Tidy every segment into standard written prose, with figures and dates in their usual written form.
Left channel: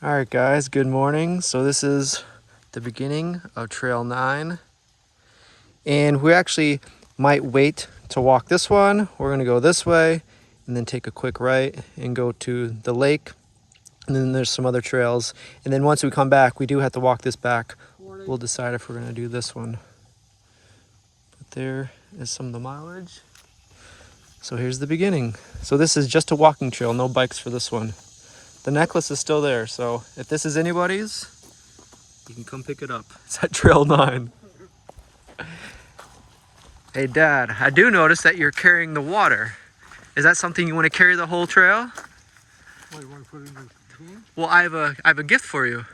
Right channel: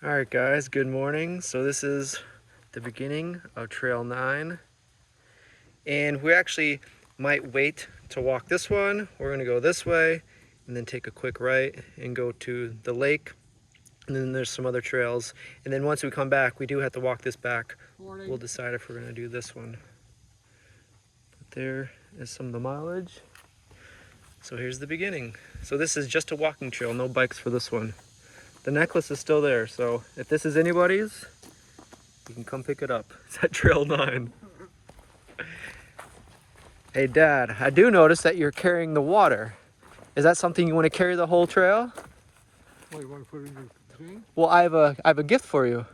All right, guys, good morning. So this is the beginning of Trail 9. And we actually might wait to walk this one. We're going to go this way and then take a quick right and go to the lake. And then there's some other trails. And then once we come back, we do have to walk this back. We'll decide if we're going to do this one. But there is some of the mileage. So here's the beginning. So this is just a walking trail, no bikes for this one. The necklace is still there, so if this is anybody's, you can come pick it up. It's at Trail 9. Hey Dad, I do notice that you're carrying the water. Is that something you want to carry the whole trail? What, you want to put it in the thing? Well, I have a gift for you.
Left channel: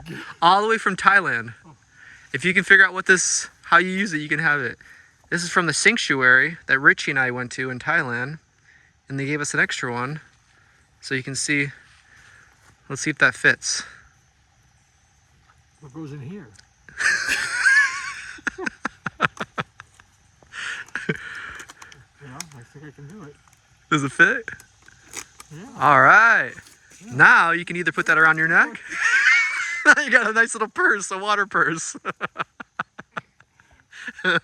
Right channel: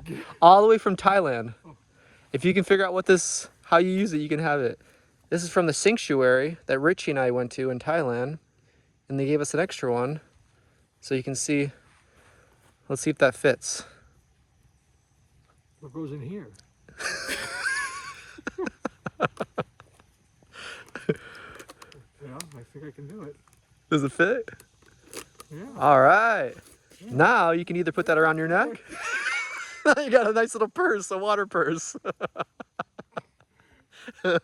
Okay. All the way from Thailand. Oh. If you can figure out how you use it, you can have it. This is from the sanctuary that Richie and I went to in Thailand, and they gave us an extra one, so you can see. Let's see if that fits. What goes in here? Yeah, I think I can do it. Does it fit? Yeah. All right. Yeah. Now you can either put that around your neck. You got a nice little purse, a water purse. And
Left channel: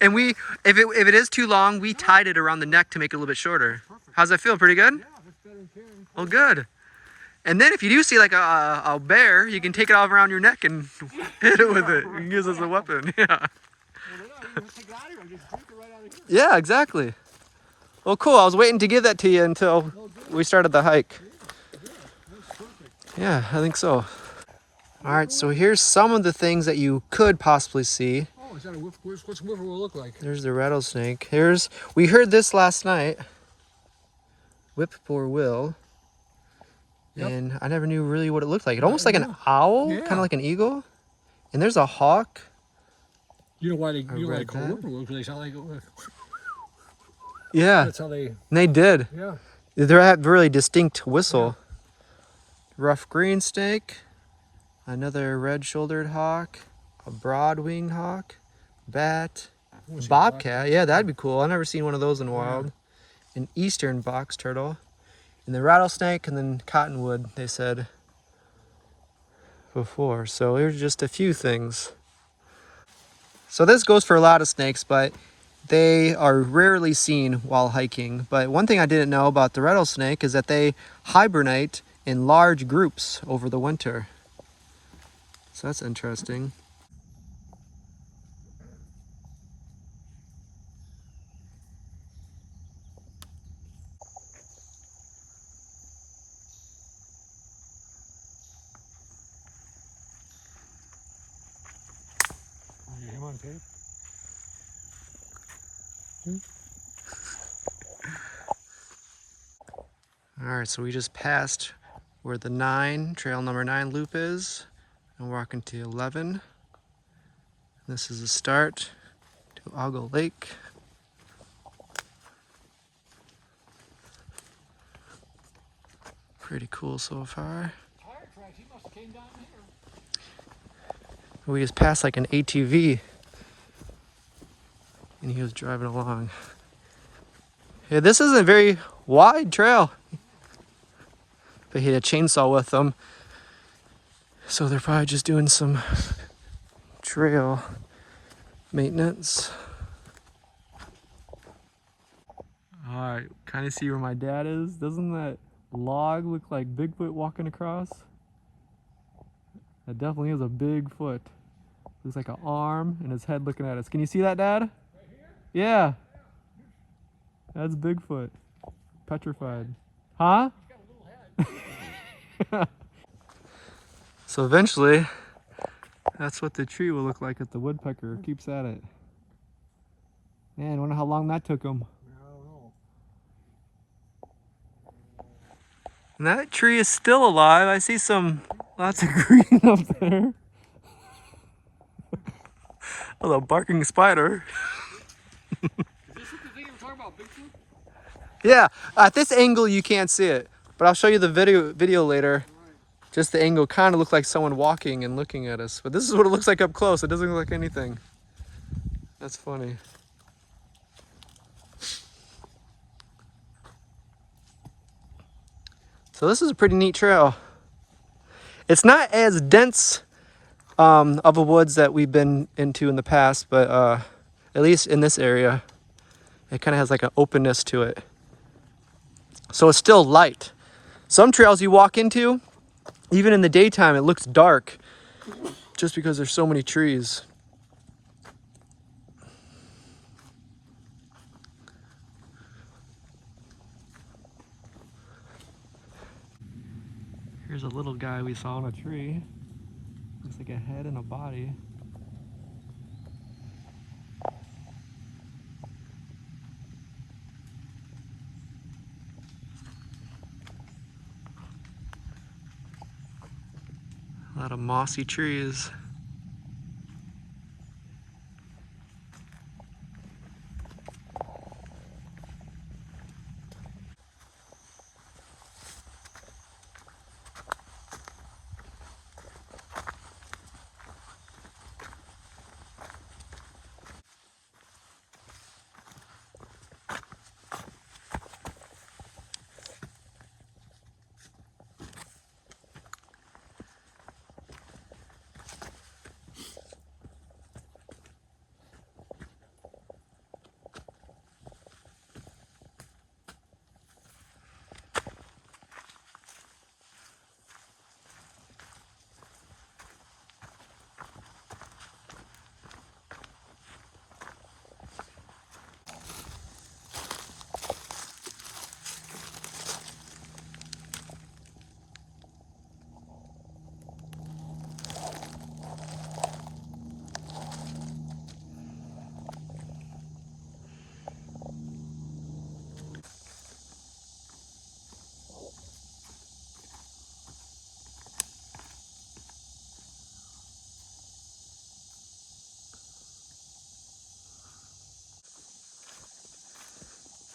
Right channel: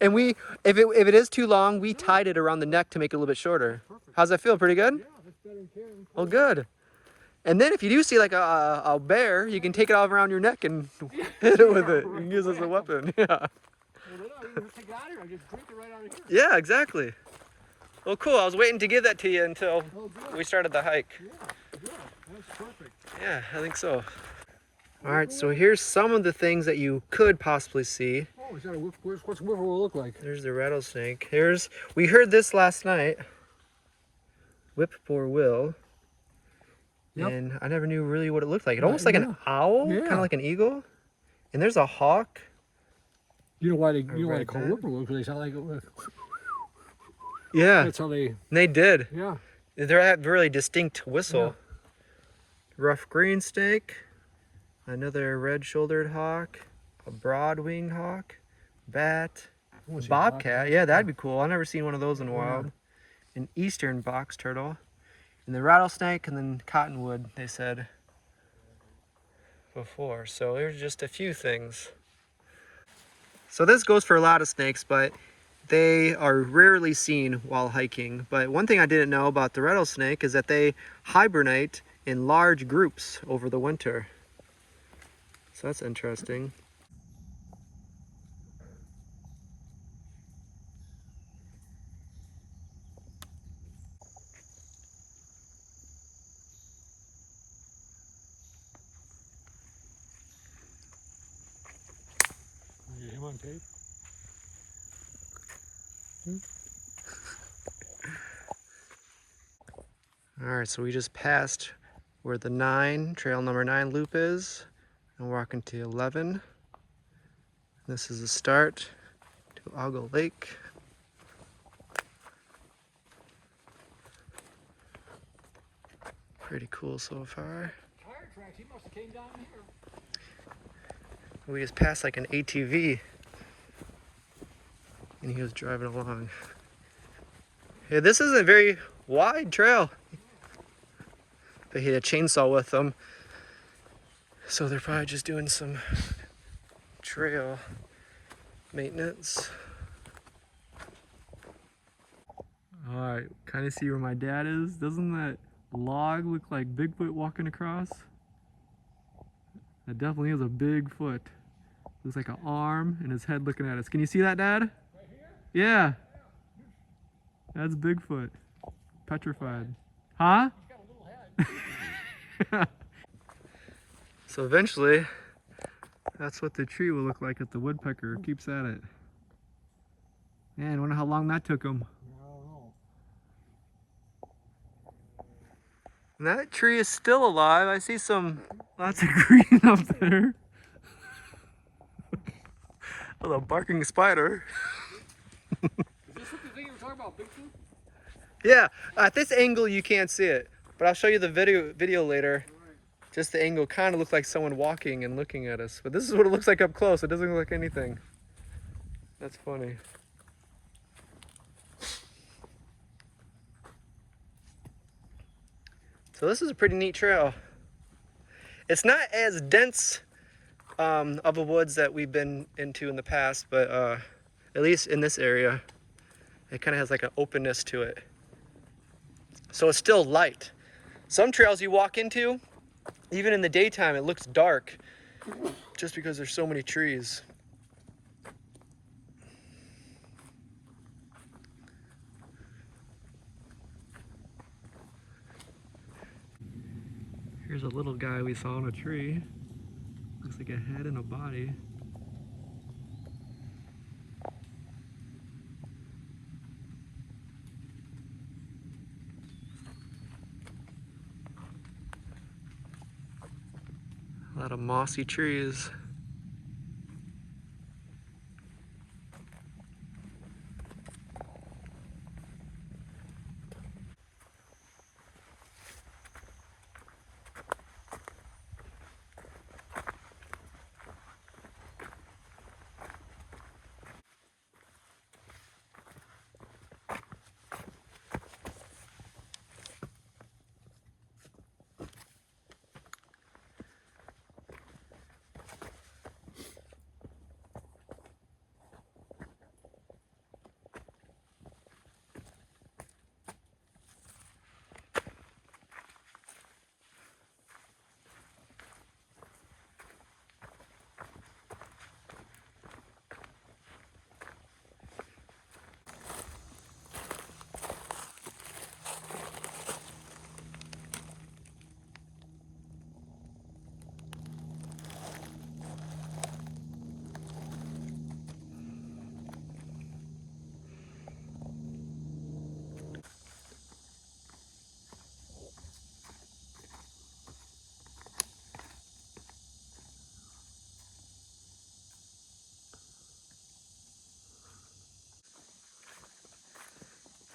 if it is too long, we tied it around the neck to make it a little bit shorter. Perfect. How's that feel? Pretty good? Yeah, that's better than carrying. Oh, good. And then if you do see like a bear, you can take it all around your neck and hit it with it. You can use it as a weapon. Yeah. Well, you just take it out of here. Just drink it right out of here. Yeah, exactly. Well, cool. I was waiting to give that to you until we started the hike. Yeah, good. That's perfect. Yeah, I think so. All right, so here's some of the things that you could possibly see. Oh, is that a whip? What's a whippoorwill look like? There's the rattlesnake. We heard this last night. Whippoorwill. Yep. And I never knew really what it looked like. It almost like an owl, kind of like an eagle. And there's a hawk. You know why they call whippoorwills? Because they sound like yeah. That's how they. They did. Yeah. They have a really distinct whistle. Yeah. Rough green snake. Another red-shouldered hawk. A broad-winged hawk. Bat. Bobcat. Yeah, that'd be cool. I've never seen one of those in the wild. An eastern box turtle. And the rattlesnake, and then cottonwood, they said before. So here's just a few things. So this goes for a lot of snakes, but they are rarely seen while hiking. But one thing I didn't know about the rattlesnake is that they hibernate in large groups over the winter. So that's interesting. Him on tape. All right, so we just passed where the trail number 9 loop is, and we're walking to 11. This is the start to Aggle Lake. Pretty cool so far. We just passed like an ATV, and he was driving along. Yeah, this isn't a very wide trail. But he had a chainsaw with them, so they're probably just doing some trail maintenance. All right, kind of see where my dad is. Doesn't that log look like Bigfoot walking across? That definitely is a big foot. Looks like an arm and his head looking at us. Can you see that, Dad? Right here? Yeah. That's Bigfoot. Petrified. Huh? He's got a little head. So eventually, that's what the tree will look like if the woodpecker keeps at it. Man, I wonder how long that took him. And that tree is still alive. I see lots of green up there. A little barking spider. Is this what the thing you were talking about, Bigfoot? Yeah, at this angle you can't see it, but I'll show you the video later. Right. Just the angle kind of looked like someone walking and looking at us, but this is what it looks like up close. It doesn't look like anything. That's funny. So this is a pretty neat trail. It's not as dense of a woods that we've been into in the past, but at least in this area, it kind of has like an openness to it. So it's still light. Some trails you walk into, even in the daytime, it looks dark just because there's so many trees. Here's a little guy we saw on a tree. Looks like a head and a body. A lot of mossy trees.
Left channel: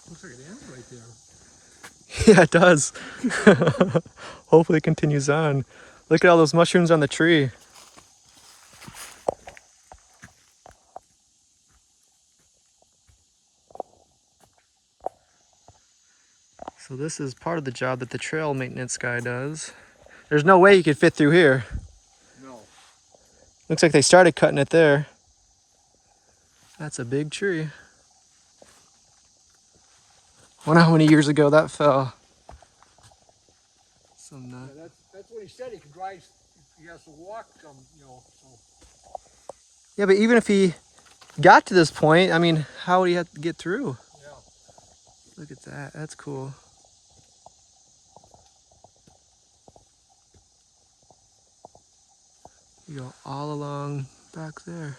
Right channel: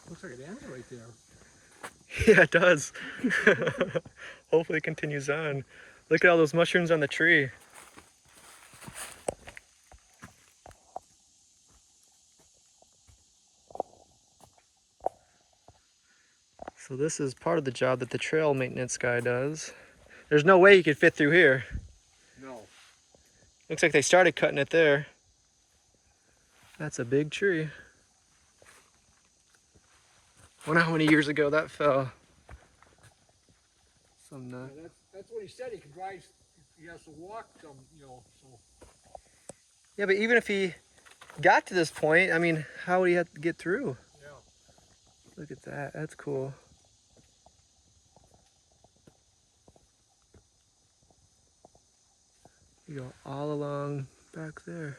Looks like an ant right there. Yeah, it does. Hopefully it continues on. Look at all those mushrooms on the tree. So this is part of the job that the trail maintenance guy does. There's no way you could fit through here. No. Looks like they started cutting it there. That's a big tree. Wonder how many years ago that fell. Some nut. Yeah, that's what he said. He can drive. He has to walk some, you know. So. Yeah, but even if he got to this point, I mean, how would he have to get through? Yeah. Look at that. That's cool. You go all along back there.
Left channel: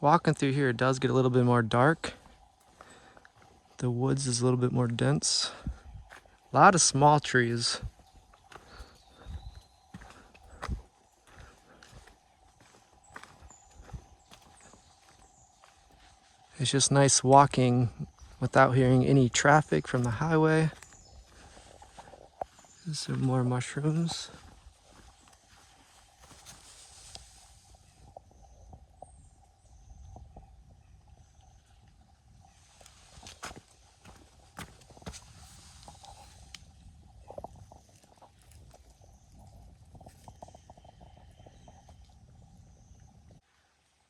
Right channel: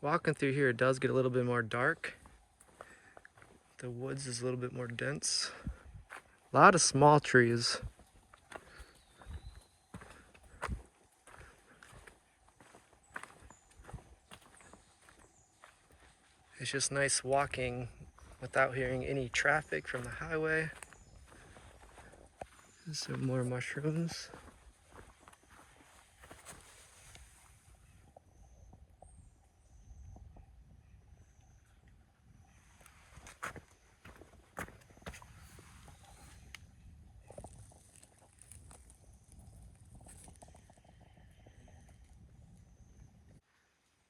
Walking through here, it does get a little bit more dark. The woods is a little bit more dense. A lot of small trees. It's just nice walking without hearing any traffic from the highway. There's some more mushrooms.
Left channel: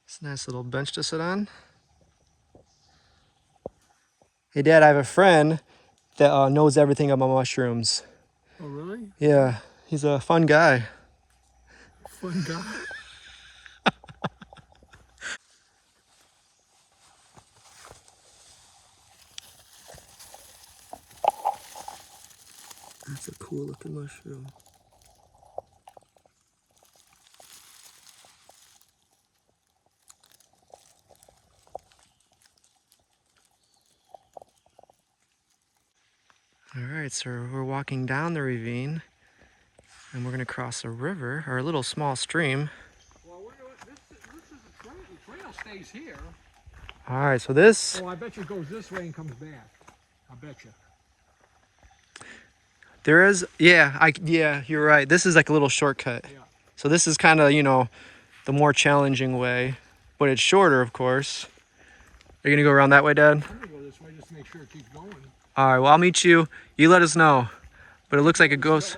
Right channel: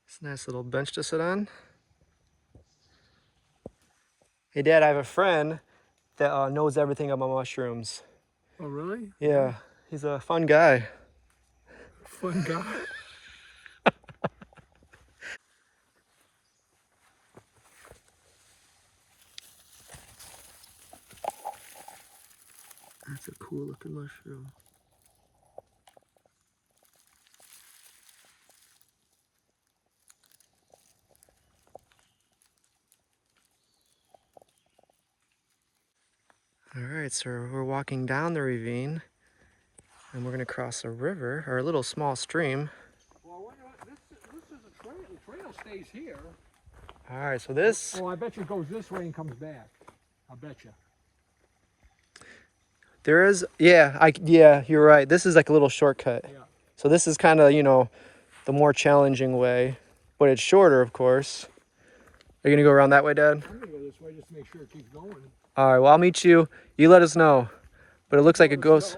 It's a nice little bench to sit on. Hey Dad, I have a friend that knows everything about mushrooms. Oh, really? Yeah, he's a fun guy. Fun guy. That's a cool looking mushroom. All right, so we're walking down the ravine and we're gonna cross a river, or a little small stream. Well, I wonder what this is a trail. The trail stays here. All right, so this, Oh, I bet you it goes this way and comes back. I bet you. There is, yeah, you're right. This is like a little shortcut. Yeah. So this is kind of, the more challenging way, but it's shorter, of course. Are you gonna go around that way, Dad? I'm gonna go this way just to make sure it keeps going. All right, well, I'll meet you. You let us know. But it looks like it goes,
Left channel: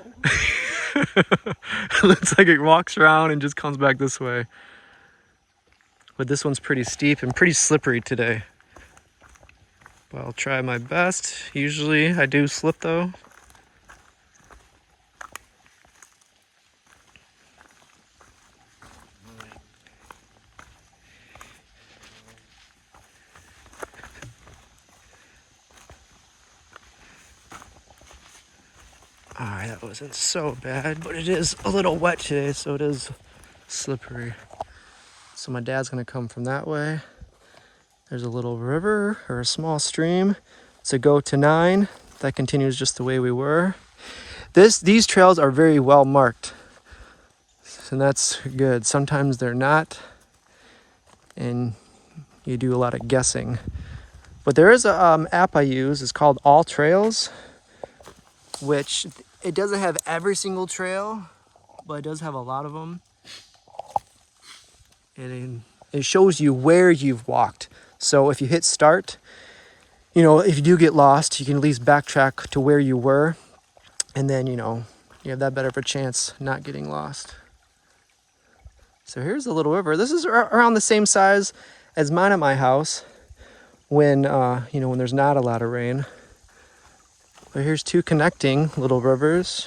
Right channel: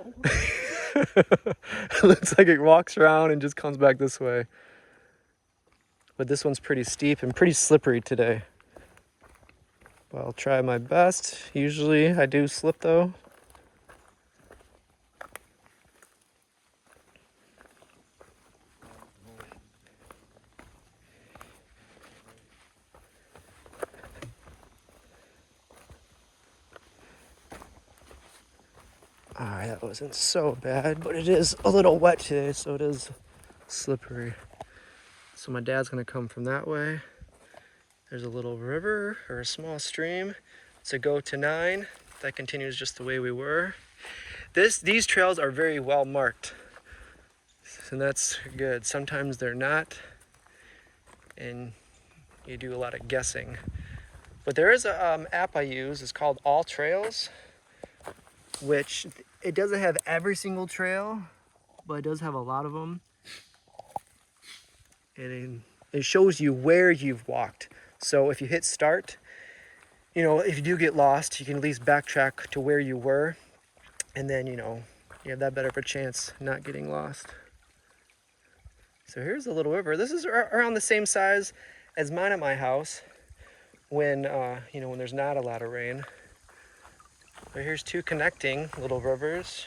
it looks like it walks around and just comes back this way. But this one's pretty steep and pretty slippery today. But I'll try my best. Usually I do slip though. Alright, that wasn't so bad, but it is a little wet today, so it is slippery. So my dad's gonna come from that way. There's a little river or a small stream. It's a go to 9 that continues just the way we were. These trails are very well marked, and that's good. Sometimes they're not, and you do a lot of guessing. But there is a app I use. It's called All Trails, which it doesn't have every single trail, but it does have a lot of them. And it shows you where you've walked. So if you hit start, if you do get lost, you can at least backtrack to where you were. And then, you have that better of a chance not getting lost. So here's a little river. This is around the same size as mine at my house when, when there's not a lot of rain. But here's 2 connecting little rivers.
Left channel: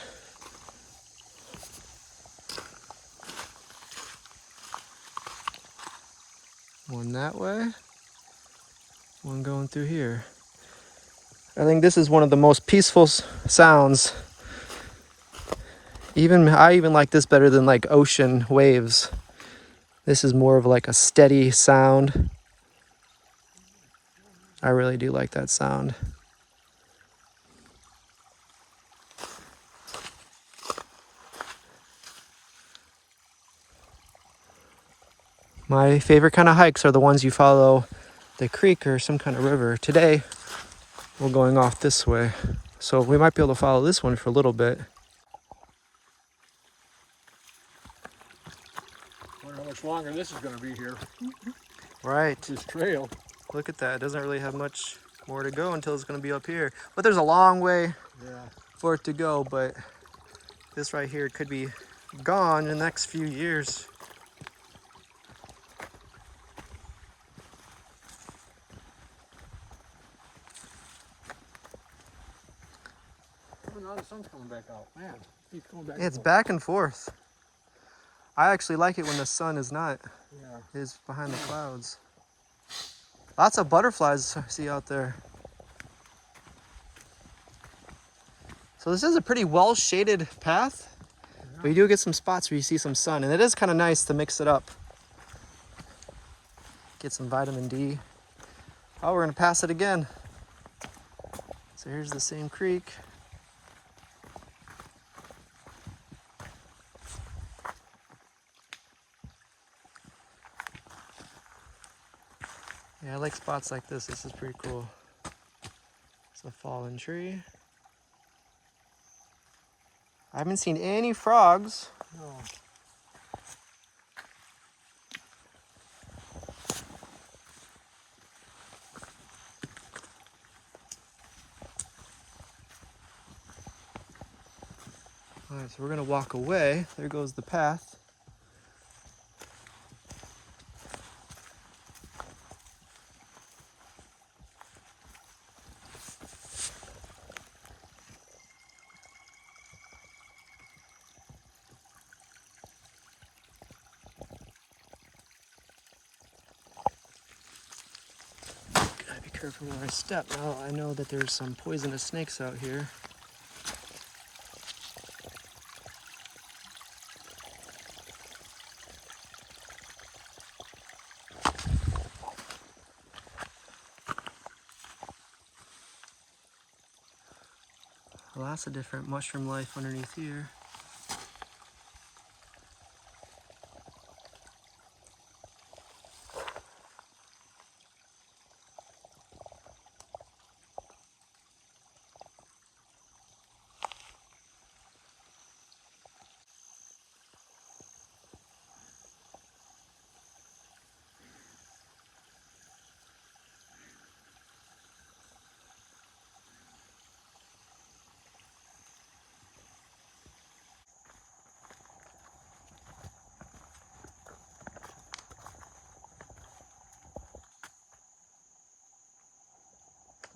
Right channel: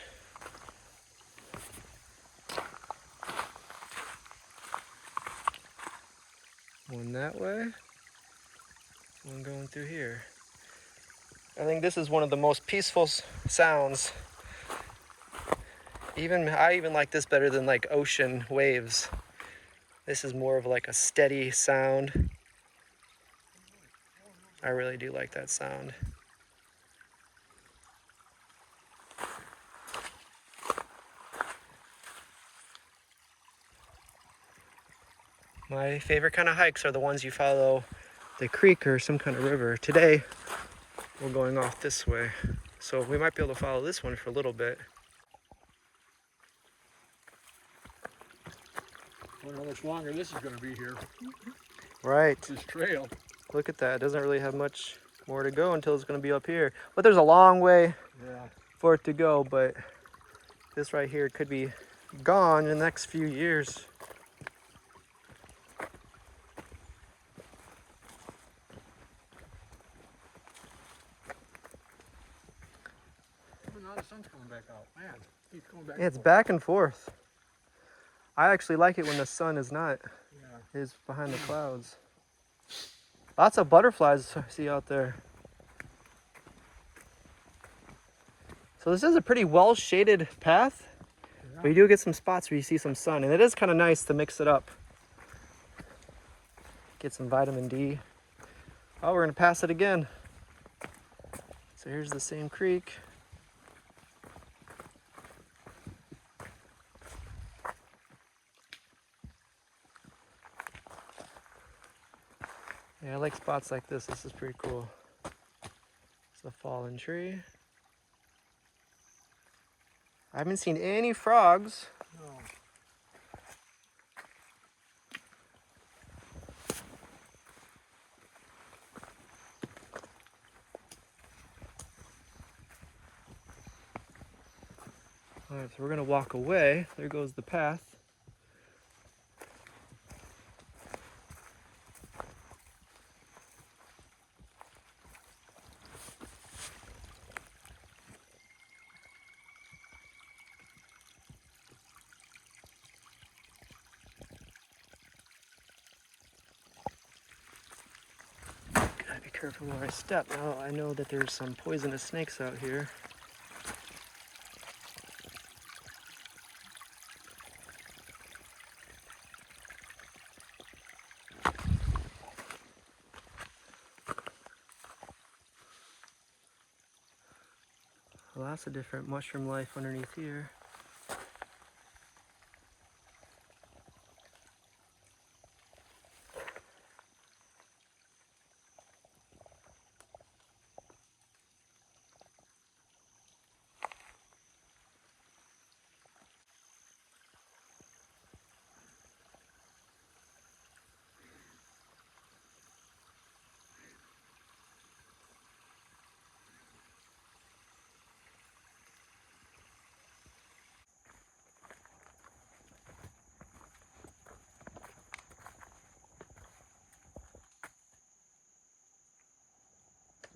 One that way, one going through here. I think this is one of the most peaceful sounds. I even like this better than like ocean waves. This is more of like a steady sound. I really do like that sound. My favorite kind of hikes are the ones you follow the creek or some kind of river. Today, we're going off this way. So we might be able to follow this one for a little bit. I wonder how much longer this is gonna be here. Right. This trail. Look at that. It doesn't really have much more to go until it's going to be up here. But there's a long way for it to go. But this right here could be gone in the next few years. Now the sun's coming back out. Man, keeps going back. It's back and forth. I actually like it when the sun is not. Is behind the clouds. Lots of butterflies I see out there. So this is a pretty well shaded path, but you do get some spots where you see some sun, and it is kind of nice to mix it up. Get some vitamin D. Oh, we're gonna pass it again. So here's the same creek. Yeah, I like spots like this. This is pretty cool. It's a fallen tree. I haven't seen any frogs. No. All right, so we're gonna walk away. There goes the path. Gotta be careful where I step. Now I know that there's some poisonous snakes out here. Lots of different mushroom life underneath here.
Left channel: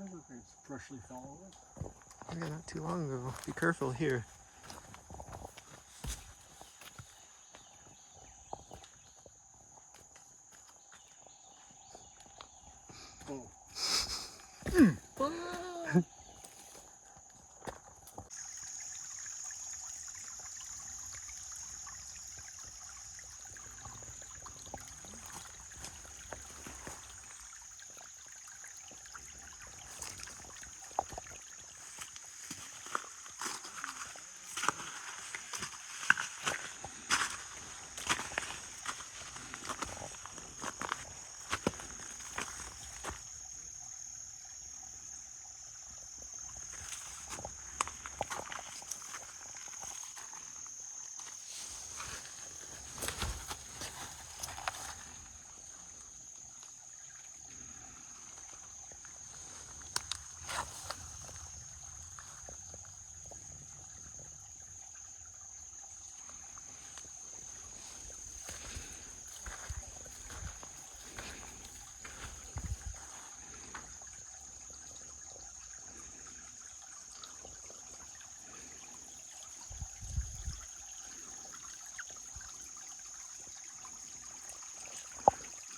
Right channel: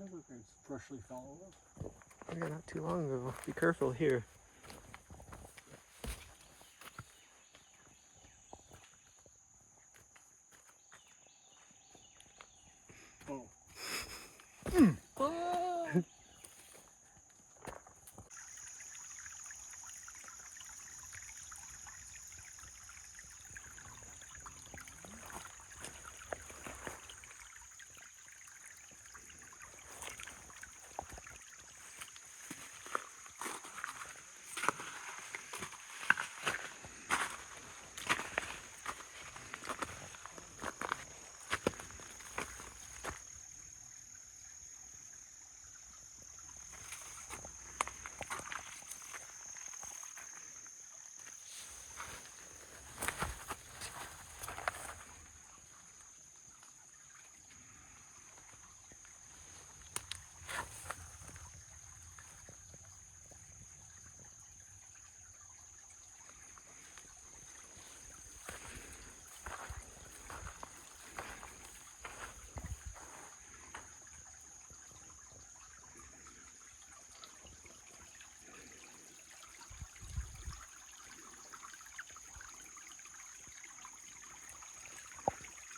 It's freshly fell over. Yeah, not too long ago. Be careful here. Oh.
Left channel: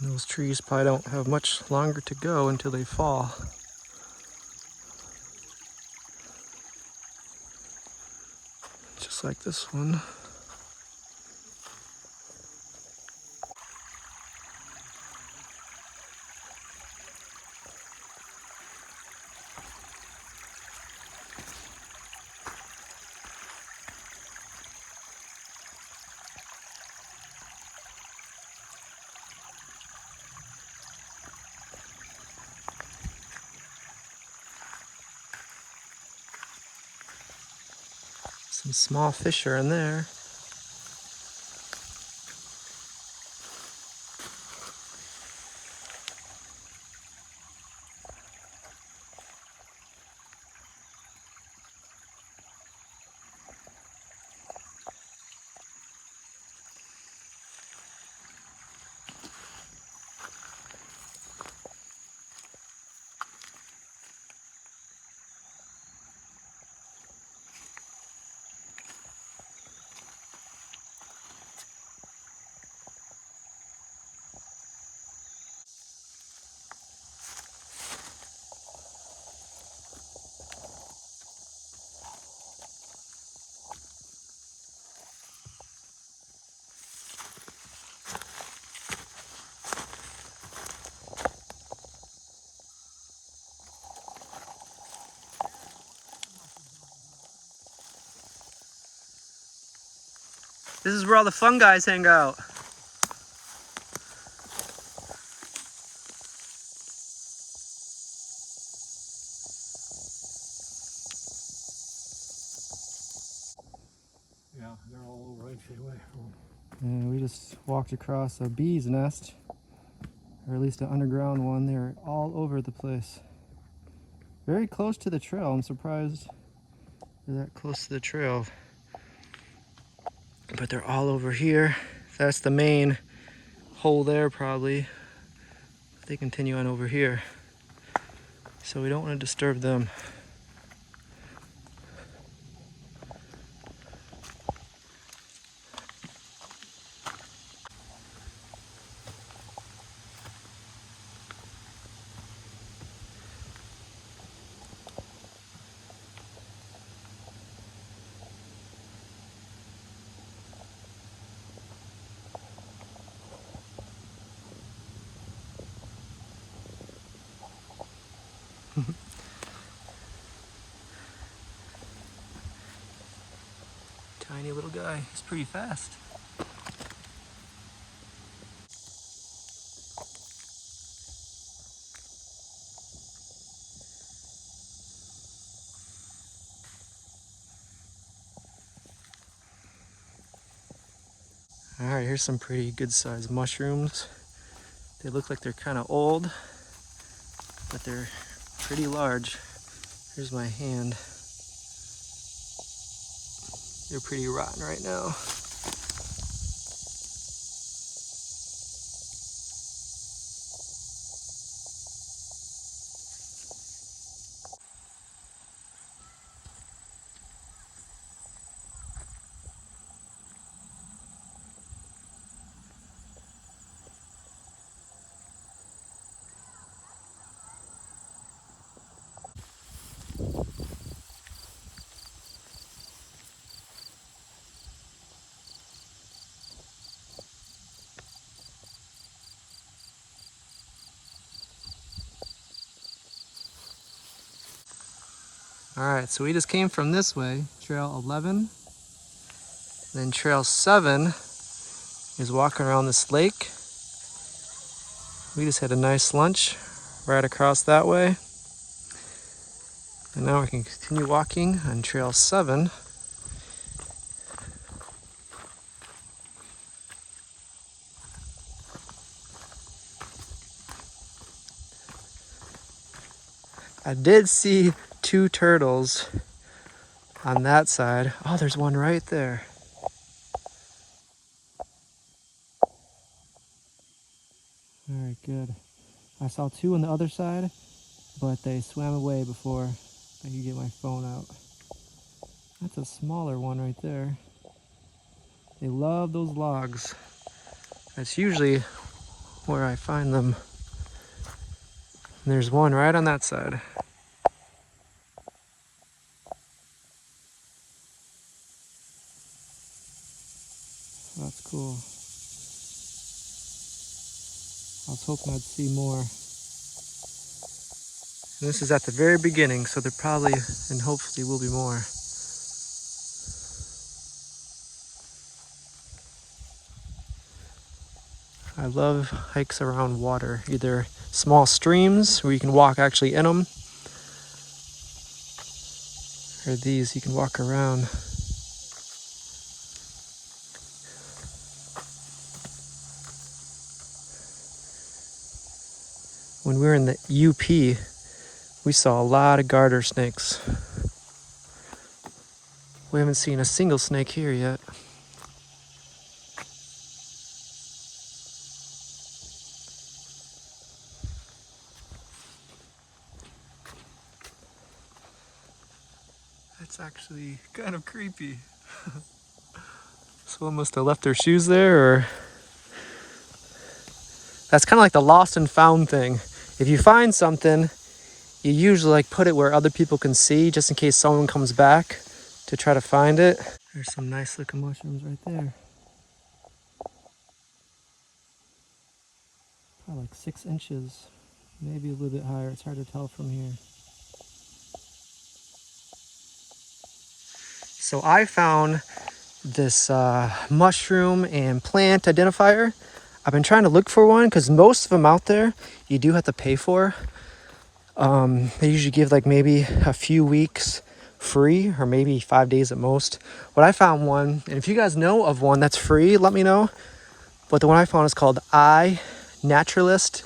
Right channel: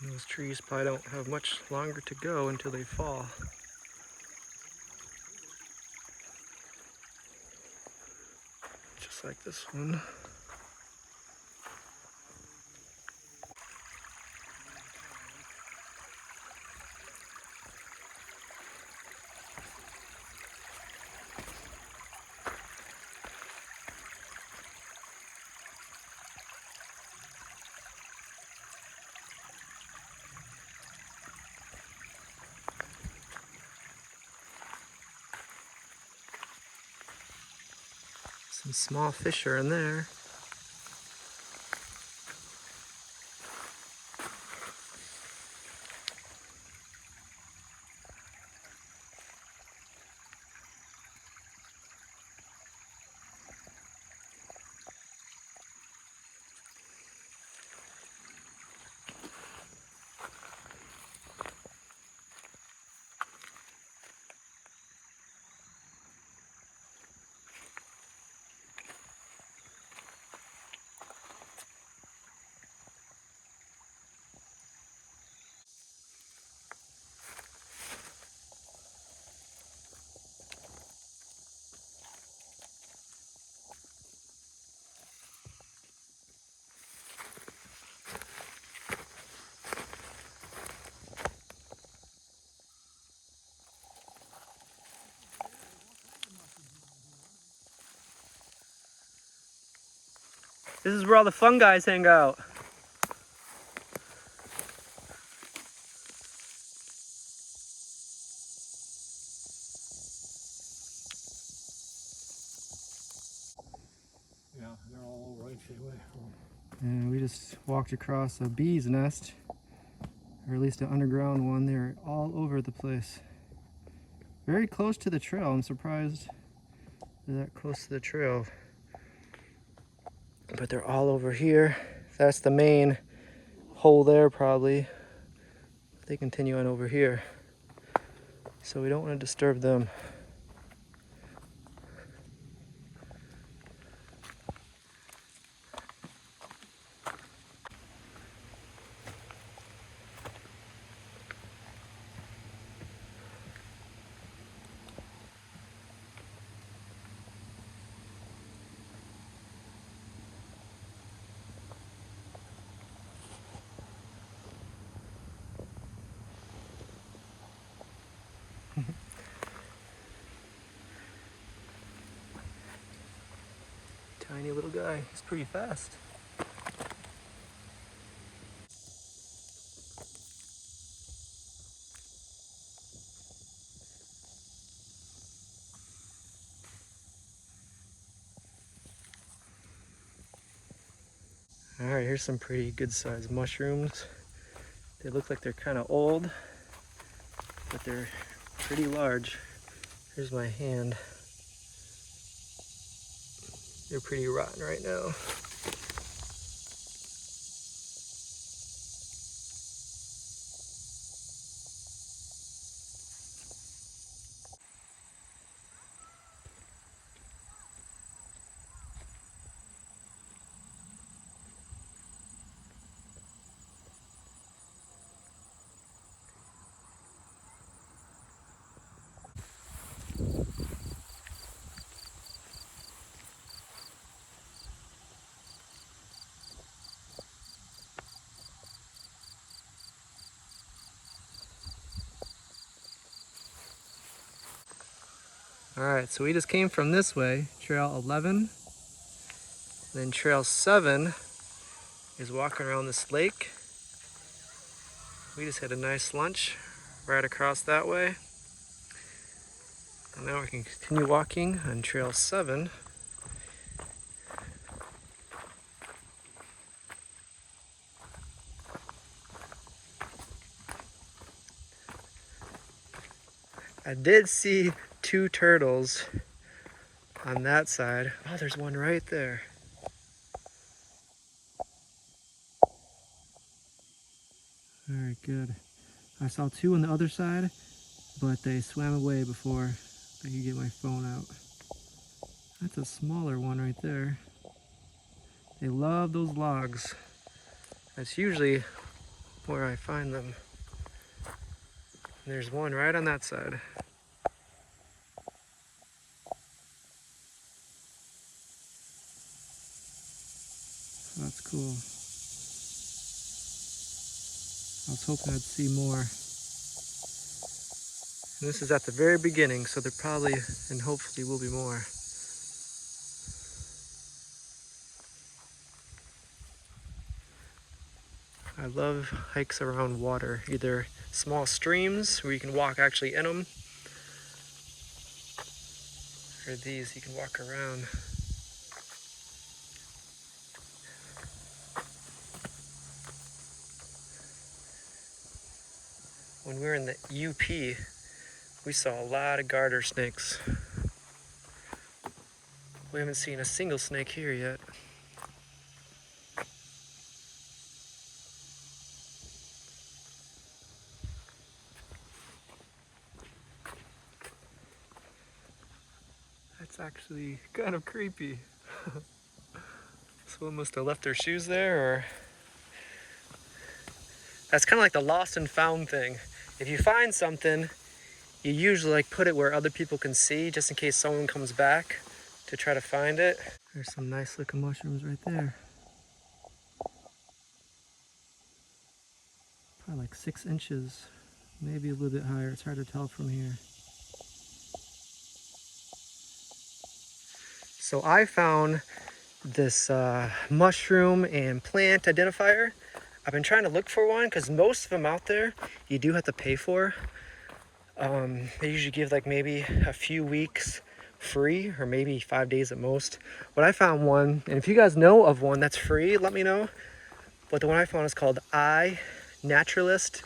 Those trees probably don't have much longer to go until they fall. Just like this one. Some small fish are in there. This is where all the fun guys hang out. Yeah, they're all over anyway. And we just walked across a bee's nest, or at least an underground one. They're all over the place. Very close to the trail. I'm surprised they're that close to the trail. But they're all over here. That's the main hole there probably. They continue on over here. So we don't want to disturb them. Tiny little guy. He's pretty fast. All right, here's some pretty good sized mushrooms. They look like they're kind of old, but they're pretty large. Here's my hand. They're pretty rotten right now. All right, so we just came from this way, trail 11. Then trail 7 is walking around this lake. We just had a nice lunch right across that way. And now we can continue walking on trail 7. I did see 2 turtles on that side. Oh, there's one right there. All right, good. I saw 2 on the other side, but they swam away before I could get my phone out. That's a smaller one right there. They love those logs. That's usually where I find them. And there's one right on that side. That's cool. I was hoping I'd see more. And this is at the very beginning, so there probably and hopefully will be more. I love hikes around water, either small streams where you can walk actually in them, or these you can walk around. When we were in the UP, we saw a lot of garter snakes. We haven't seen a single snake here yet. That's actually kind of creepy. Someone must have left their shoes there, or... That's kind of like the lost and found thing. If you find something, you usually like put it where other people can see, just in case someone comes back to try to find it. There's some nice looking mushrooms right there. Probably like 6 inches, maybe a little bit higher. It's hard to tell from here. So I found this mushroom and plant identifier. I've been trying to look for one because most of them out there you do have to pay for. They usually give like maybe a few weeks free, or maybe 5 days at most. But I found one, and if you guys know of one that's free, let me know. But the one I found is called Naturalist.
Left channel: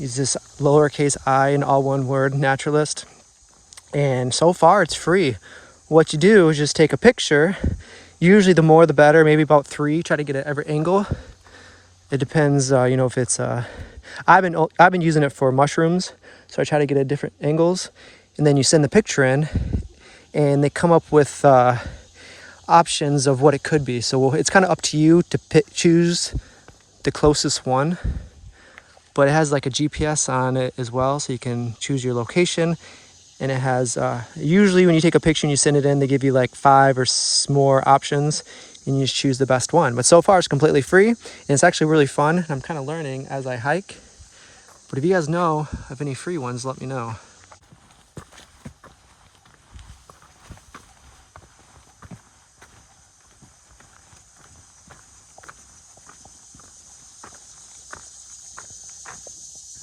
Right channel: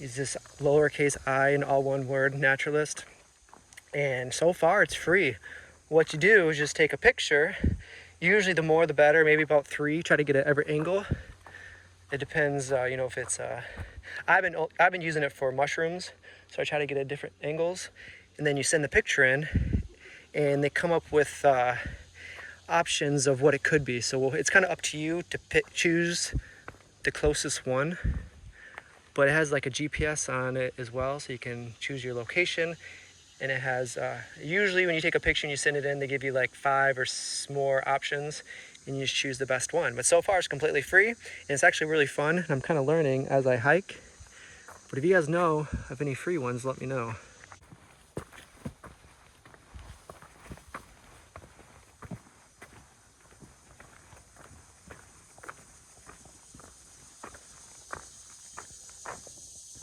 Is this lowercase I in all one word, Naturalist. And so far it's free. What you do is just take a picture. Usually the more the better, maybe about 3. Try to get it at every angle. It depends, you know, if it's I've been using it for mushrooms, so I try to get at different angles, and then you send the picture in, and they come up with options of what it could be. So it's kind of up to you to choose the closest one, but it has like a GPS on it as well, so you can choose your location. And it has, usually when you take a picture and you send it in, they give you like 5 or more options, and you just choose the best one. But so far it's completely free, and it's actually really fun. I'm kind of learning as I hike. But if you guys know of any free ones, let me know.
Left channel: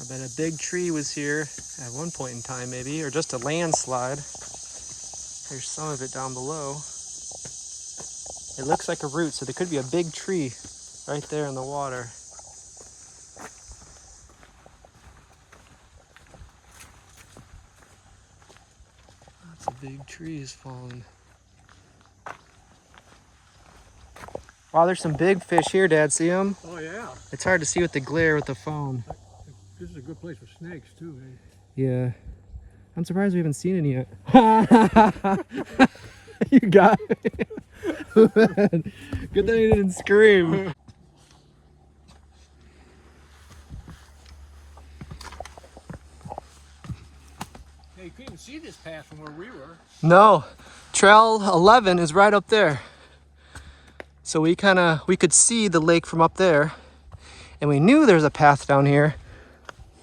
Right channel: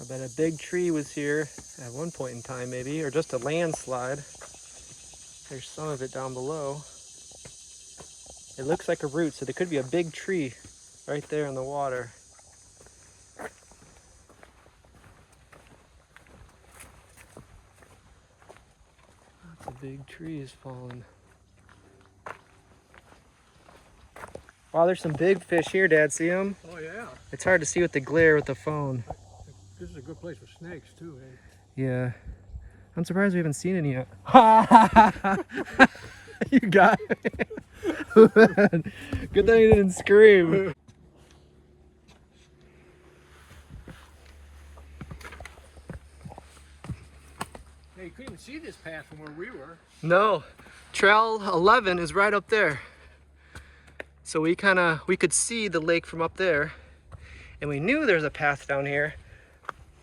I bet a big tree was here at one point in time, maybe, or just a landslide. There's some of it down below. It looks like a root, so there could be a big tree right there in the water. Lots of big trees falling. Wow, there's some big fish here, Dad. See them? Oh, yeah. It's hard to see with the glare with the phone. This is a good place for snakes, too, eh? Yeah. I'm surprised we haven't seen any yet. You got it. Good thing you didn't scream. Hey, you couldn't see this path from where we were. No. Trail 11 is right up there. So we could see the lake from up there. And we knew there's a path down here,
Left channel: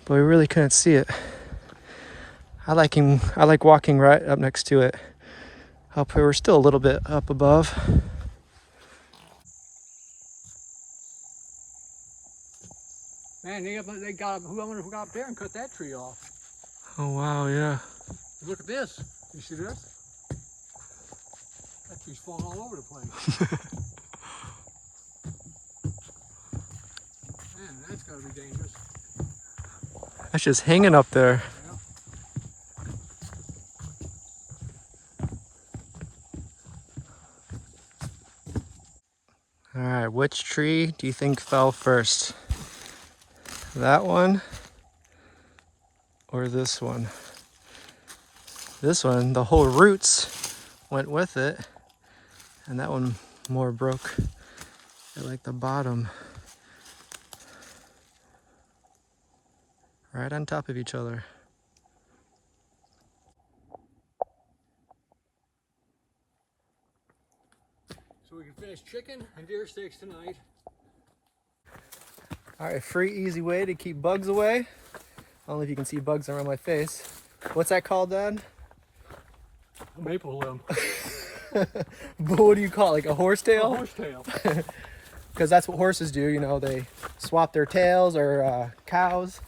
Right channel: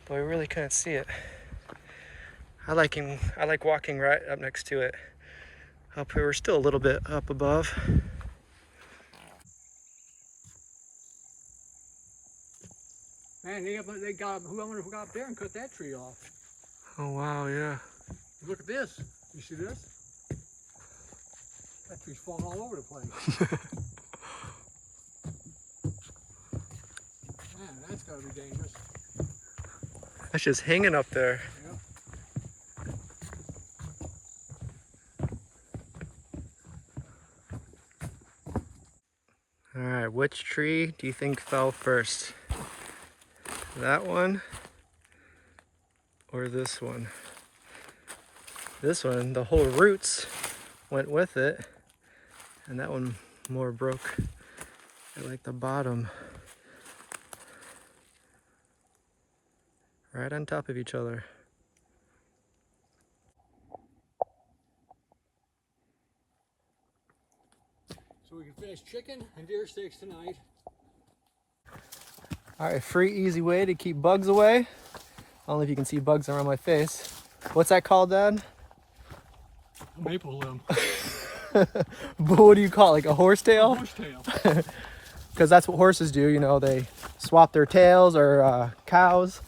but we really couldn't see it. I like walking right up next to it. Up here, we're still a little bit up above. Man, I wonder who got up there and cut that tree off. Oh wow, yeah. Look at this. You see this? That tree's falling all over the place. Man, that's gotta be dangerous. That's just hanging up there. Yep. All right, which tree do you think fell first? That one or this one? This one, the whole roots went with it, and that one more broke at like the bottom. Right on top of each other. So we can finish chicken and deer steaks tonight. All right, free, easy way to keep bugs away. I don't know if you can see bugs around my face. What's that called, Dad? A maple limb. What do you call it, like a horsetail? A horsetail. Because that's what horses do, you know, they swap their tails, or cows,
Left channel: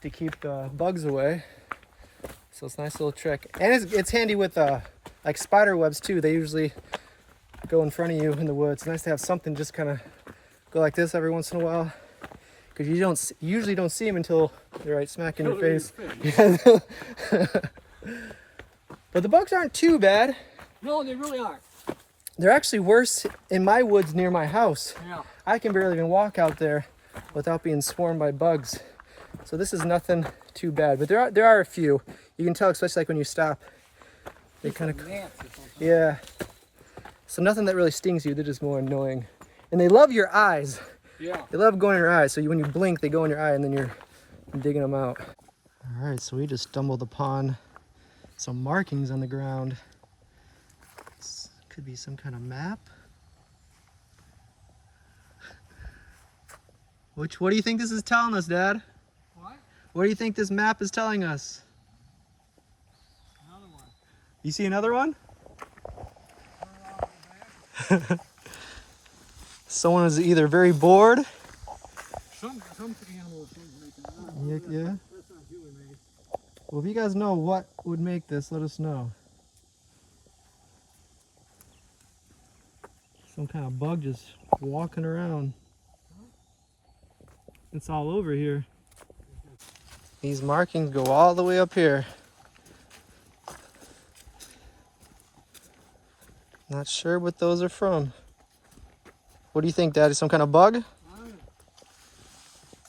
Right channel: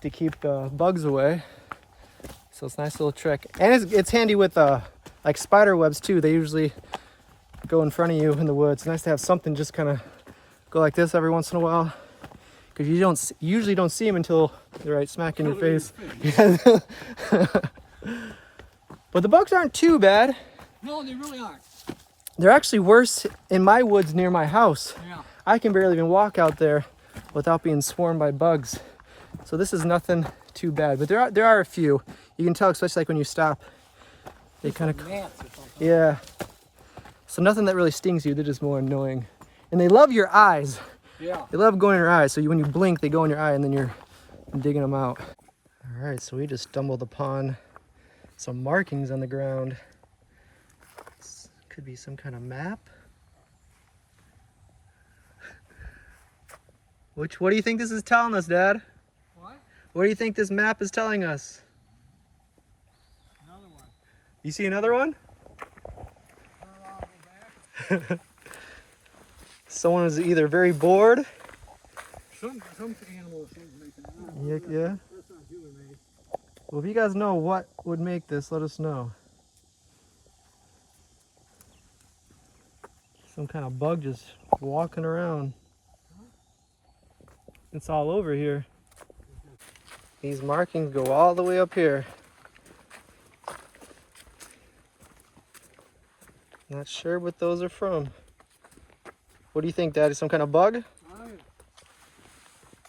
to keep the bugs away. So it's a nice little trick. And it's handy with like spider webs too. They usually go in front of you in the woods. It's nice to have something just kind of go like this every once in a while. Because you usually don't see them until they're right smack in your face. But the bugs aren't too bad. No, they really aren't. They're actually worse in my woods near my house. Yeah. I can barely even walk out there without being swarmed by bugs. So this is nothing too bad. But there are a few. You can tell, especially like when you stop. They kind of, yeah. So nothing that really stings you. They're just more annoying. And they love your eyes. Yeah. They love going in your eyes. So when you blink, they go in your eye, and then you're digging them out. All right, so we just stumbled upon some markings on the ground. This could be some kind of map. What do you think this is telling us, Dad? What? What do you think this map is telling us? Another one. You see another one? Turn around and go back. Someone is either very bored. Some animals making it. Yeah. That's not human made. Well, if you guys know what would make this, let us know. Some kind of bug just walking around. It's all over here. These markings go all the way up here. Not sure what those are from. What do you think, Daddy? Some kind of bug?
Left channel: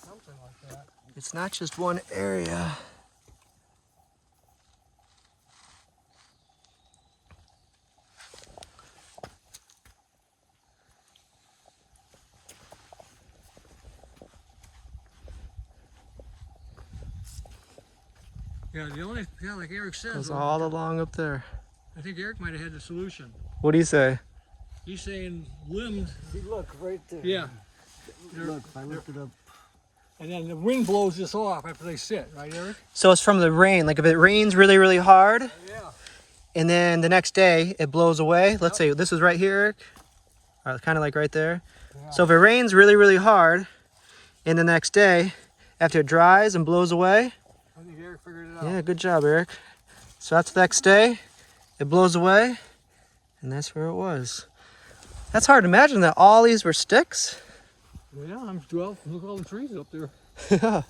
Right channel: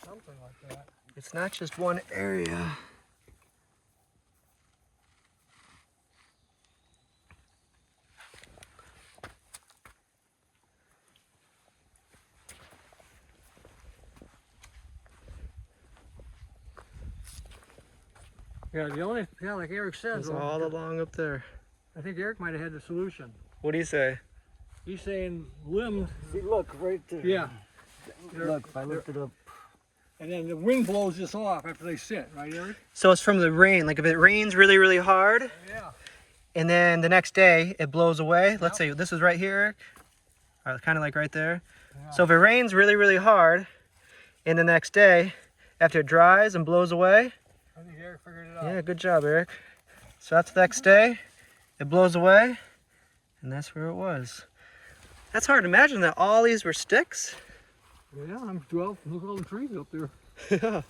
Something like that. It's not just one area. Yeah, like Eric says. It's all along up there. I think Eric might have had the solution. What do you say? He's saying limbs. See, look, right there. Yeah. Look, if I lift it up. And then the wind blows this off after they sit, right, Eric? So it's from the rain. Like if it rains really, really hard, Yeah. and then the next day it blows away. Let's say this is right here, Eric. Kind of like right there. Yeah. So if it rains really, really hard, and the next day, after it dries and blows away, I think Eric figured it out. yeah, good job, Eric. So that's the next day, it blows away, and that's where it was. That's hard to imagine that all these were sticks. Yeah, look at all the trees up there. Yeah.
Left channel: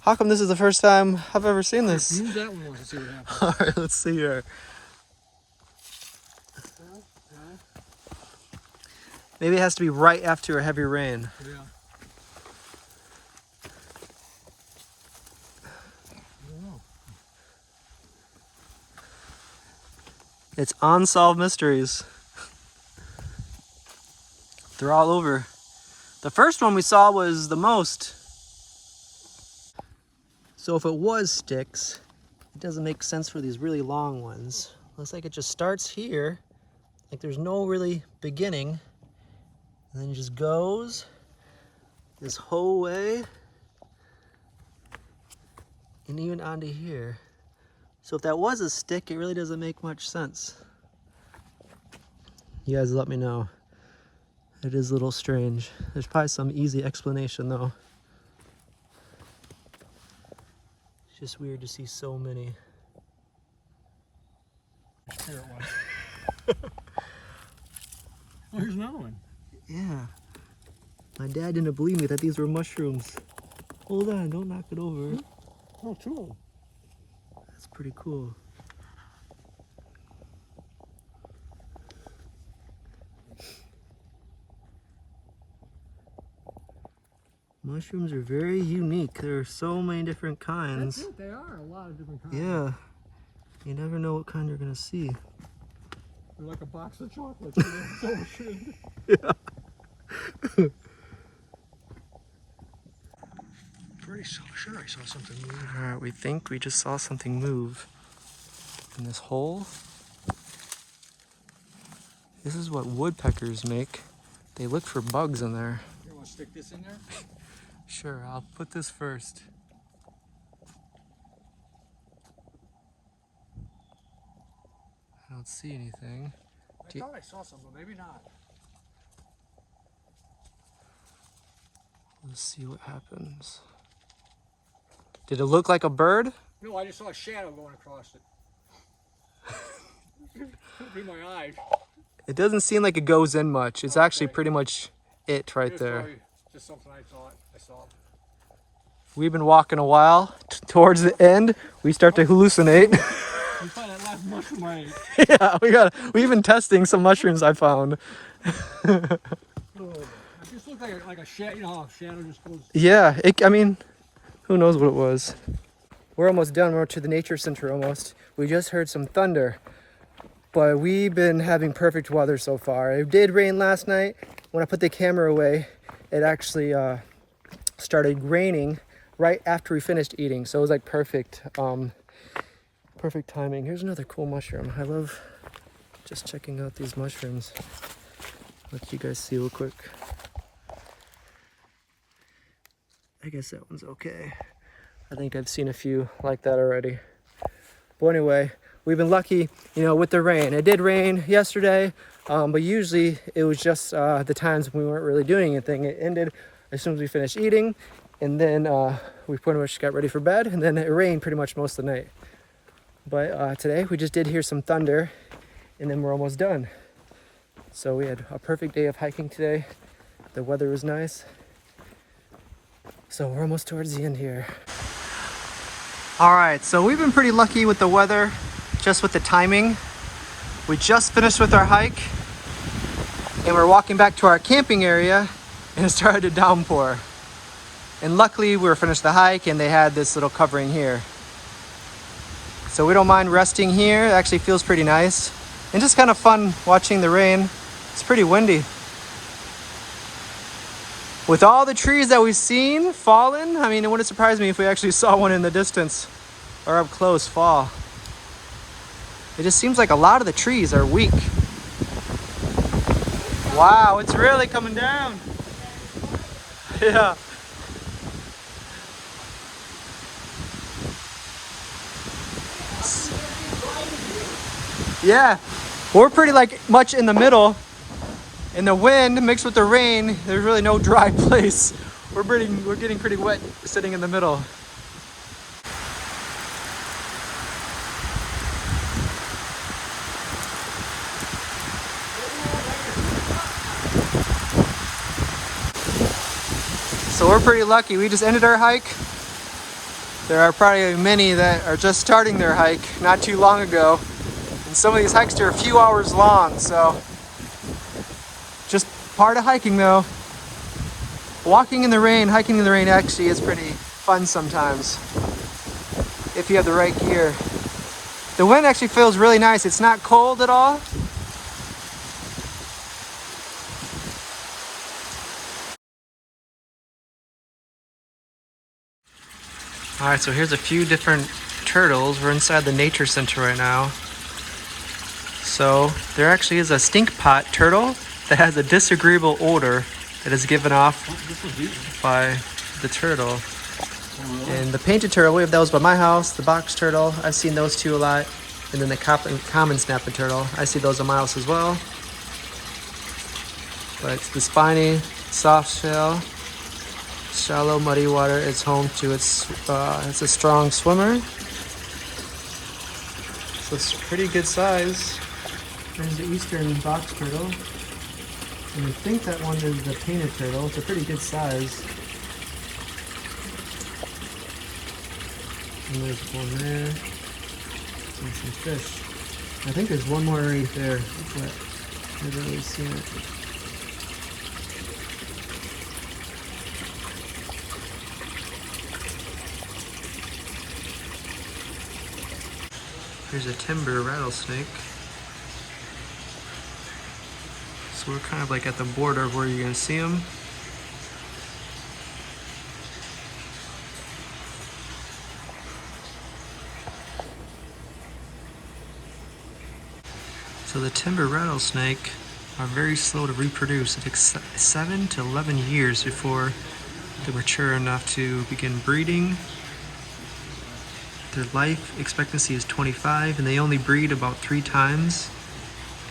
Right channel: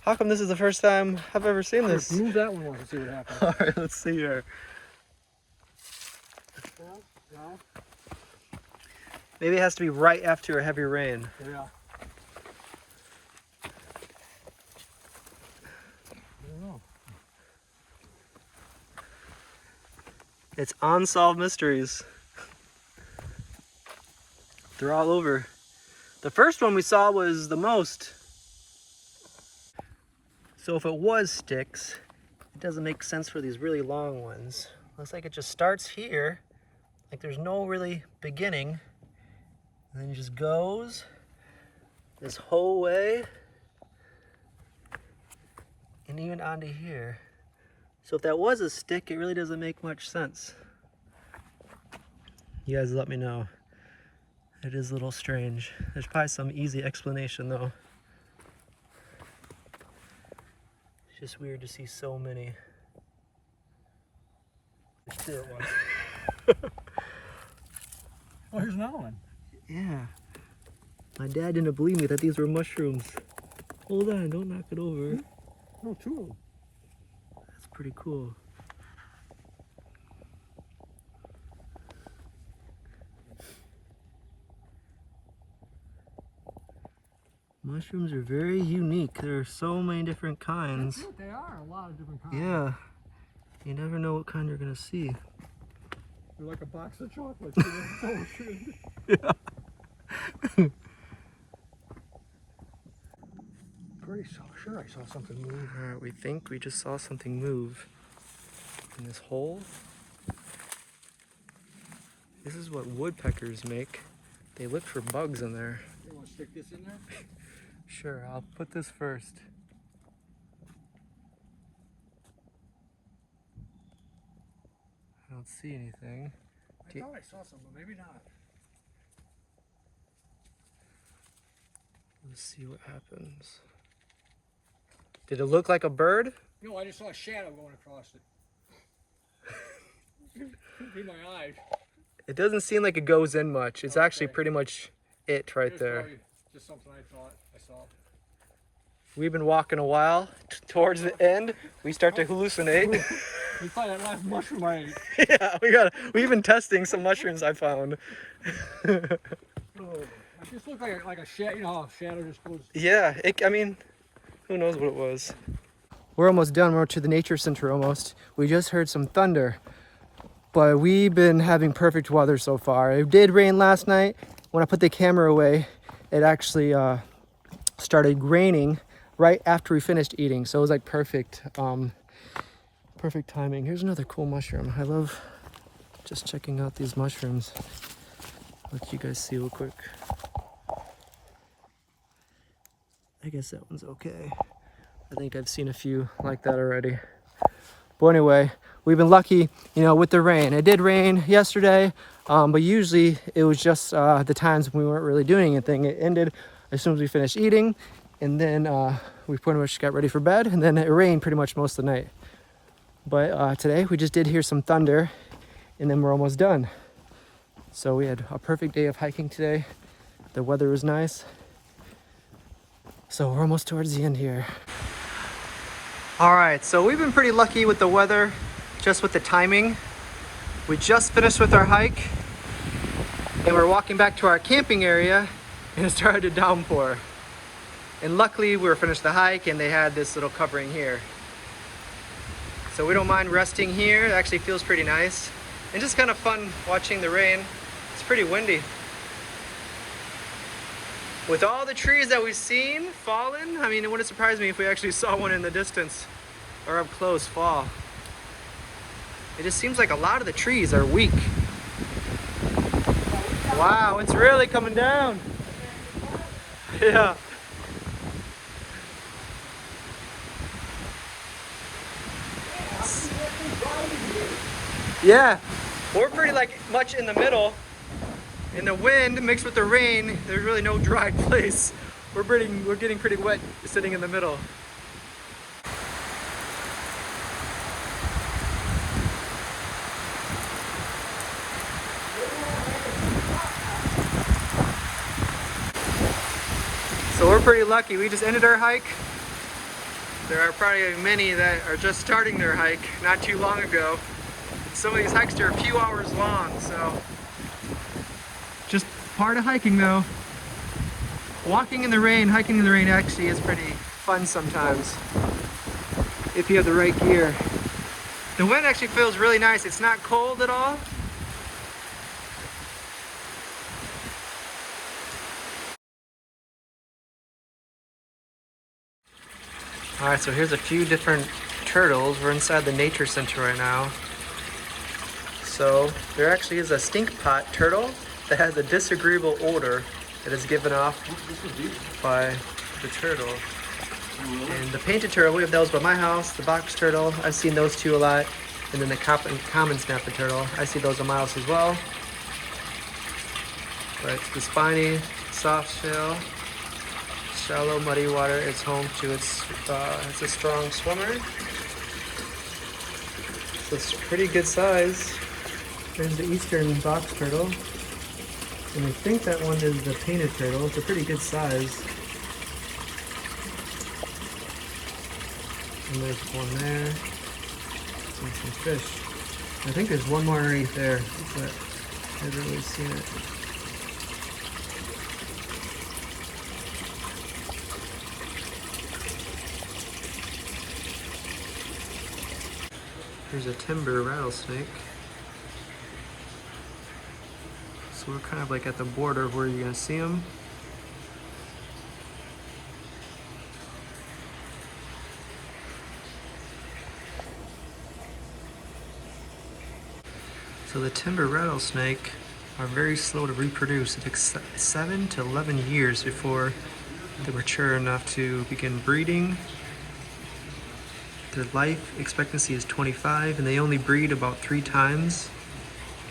How come this is the first time I've ever seen this? Move that one once and see what happens. All right, let's see here. No? Maybe it has to be right after a heavy rain. Yeah. I don't know. It's unsolved mysteries. They're all over. The first one we saw was the most. So if it was sticks, it doesn't make sense for these really long ones. Looks like it just starts here, like there's no really beginning, and then it just goes this whole way, and even onto here. So if that was a stick, it really doesn't make much sense. You guys let me know. It is a little strange. There's probably some easy explanation though. It's just weird to see so many. Spirit one. Oh, here's another one. Yeah. My dad didn't believe me that these were mushrooms. Hold on, don't knock it over. Oh, two of them. That's pretty cool. Mushrooms are very unique. There are so many different kinds. That's it, they are a lot of different kinds. Yeah. You never know what kind you're gonna see. They're like a box of chocolates. So shit. Yeah. Pretty sure I saw something move. Alright, we think we just saw something move in this hole. This is what woodpeckers make. They look for bugs in there. You want to stick this in there? Sure, I'll put this first. I don't see anything. I thought I saw something, but maybe not. Let's see what happens. Did it look like a bird? No, I just saw a shadow going across it. Could be my eyes. It doesn't seem like it goes in much. It's actually pretty much it right It's there. probably just something I saw. We've been walking a while. Towards the end, we start to hallucinate. We find that last mushroom I ate. Yeah, we've been testing some mushrooms I found. It just looked like a shadow. You know how a shadow just goes. Yeah, I mean, who knows what it was. We're almost done. We're to the nature center almost. We just heard some thunder, but we've been having perfect weather so far. It did rain last night. When I put the camera away, it actually started raining right after we finished eating. So it was like perfect, perfect timing. Here's another cool mushroom. I love just checking out these mushrooms. Let you guys see real quick. I guess that one's okay. I think I've seen a few like that already. But anyway, we've been lucky, you know, with the rain. It did rain yesterday, but usually it was just the times when we weren't really doing anything. It ended as soon as we finished eating, and then we pretty much got ready for bed, and then it rained pretty much most of the night. But today we just did hear some thunder, and then we're almost done. So we had a perfect day of hiking today. The weather was nice. So we're almost towards the end here. All right, so we've been pretty lucky with the weather, just with the timing. We just finished with our hike, and we're walking back to our camping area, and it started to downpour. And luckily we were finished the hike and they had this little covering here. So we don't mind resting here. It actually feels pretty nice. And just kind of fun watching the rain. It's pretty windy. With all the trees that we've seen fallen, I mean, it wouldn't surprise me if we actually saw one in the distance or up close fall. It just seems like a lot of the trees are weak. Wow, it's really coming down. Yeah. Yeah, we're pretty like much in the middle. In the wind mixed with the rain, there's really no dry place. We're getting pretty wet sitting in the middle. So we're pretty lucky. We just ended our hike. There are probably many that are just starting their hike not too long ago. And some of these hikes are a few hours long, so just part of hiking though. Walking in the rain, hiking in the rain actually is pretty fun sometimes if you have the right gear. The wind actually feels really nice. It's not cold at all. All right, so here's a few different turtles. We're inside the nature center right now. So there actually is a stink pot turtle that has a disagreeable odor that is given off by the turtle. And the painted turtle, we have those by my house. The box turtle, I've seen those two a lot. And then the common snapping turtle, I see those on my house as well. But the spiny, soft shell, shallow, muddy water is home to it's a strong swimmer. So it's pretty good size. There's the eastern box turtle. And I think that one is the painted turtle. It's a pretty good size. And there's one there. And some fish. I think there's one more right there, but I haven't really seen it. Here's a timber rattlesnake. So we're kind of like at the border of where you're gonna see them. So the timber rattlesnake are very slow to reproduce. It takes 7 to 11 years before they're mature enough to begin breeding. Their life expectancy is 25, and they only breed about 3 times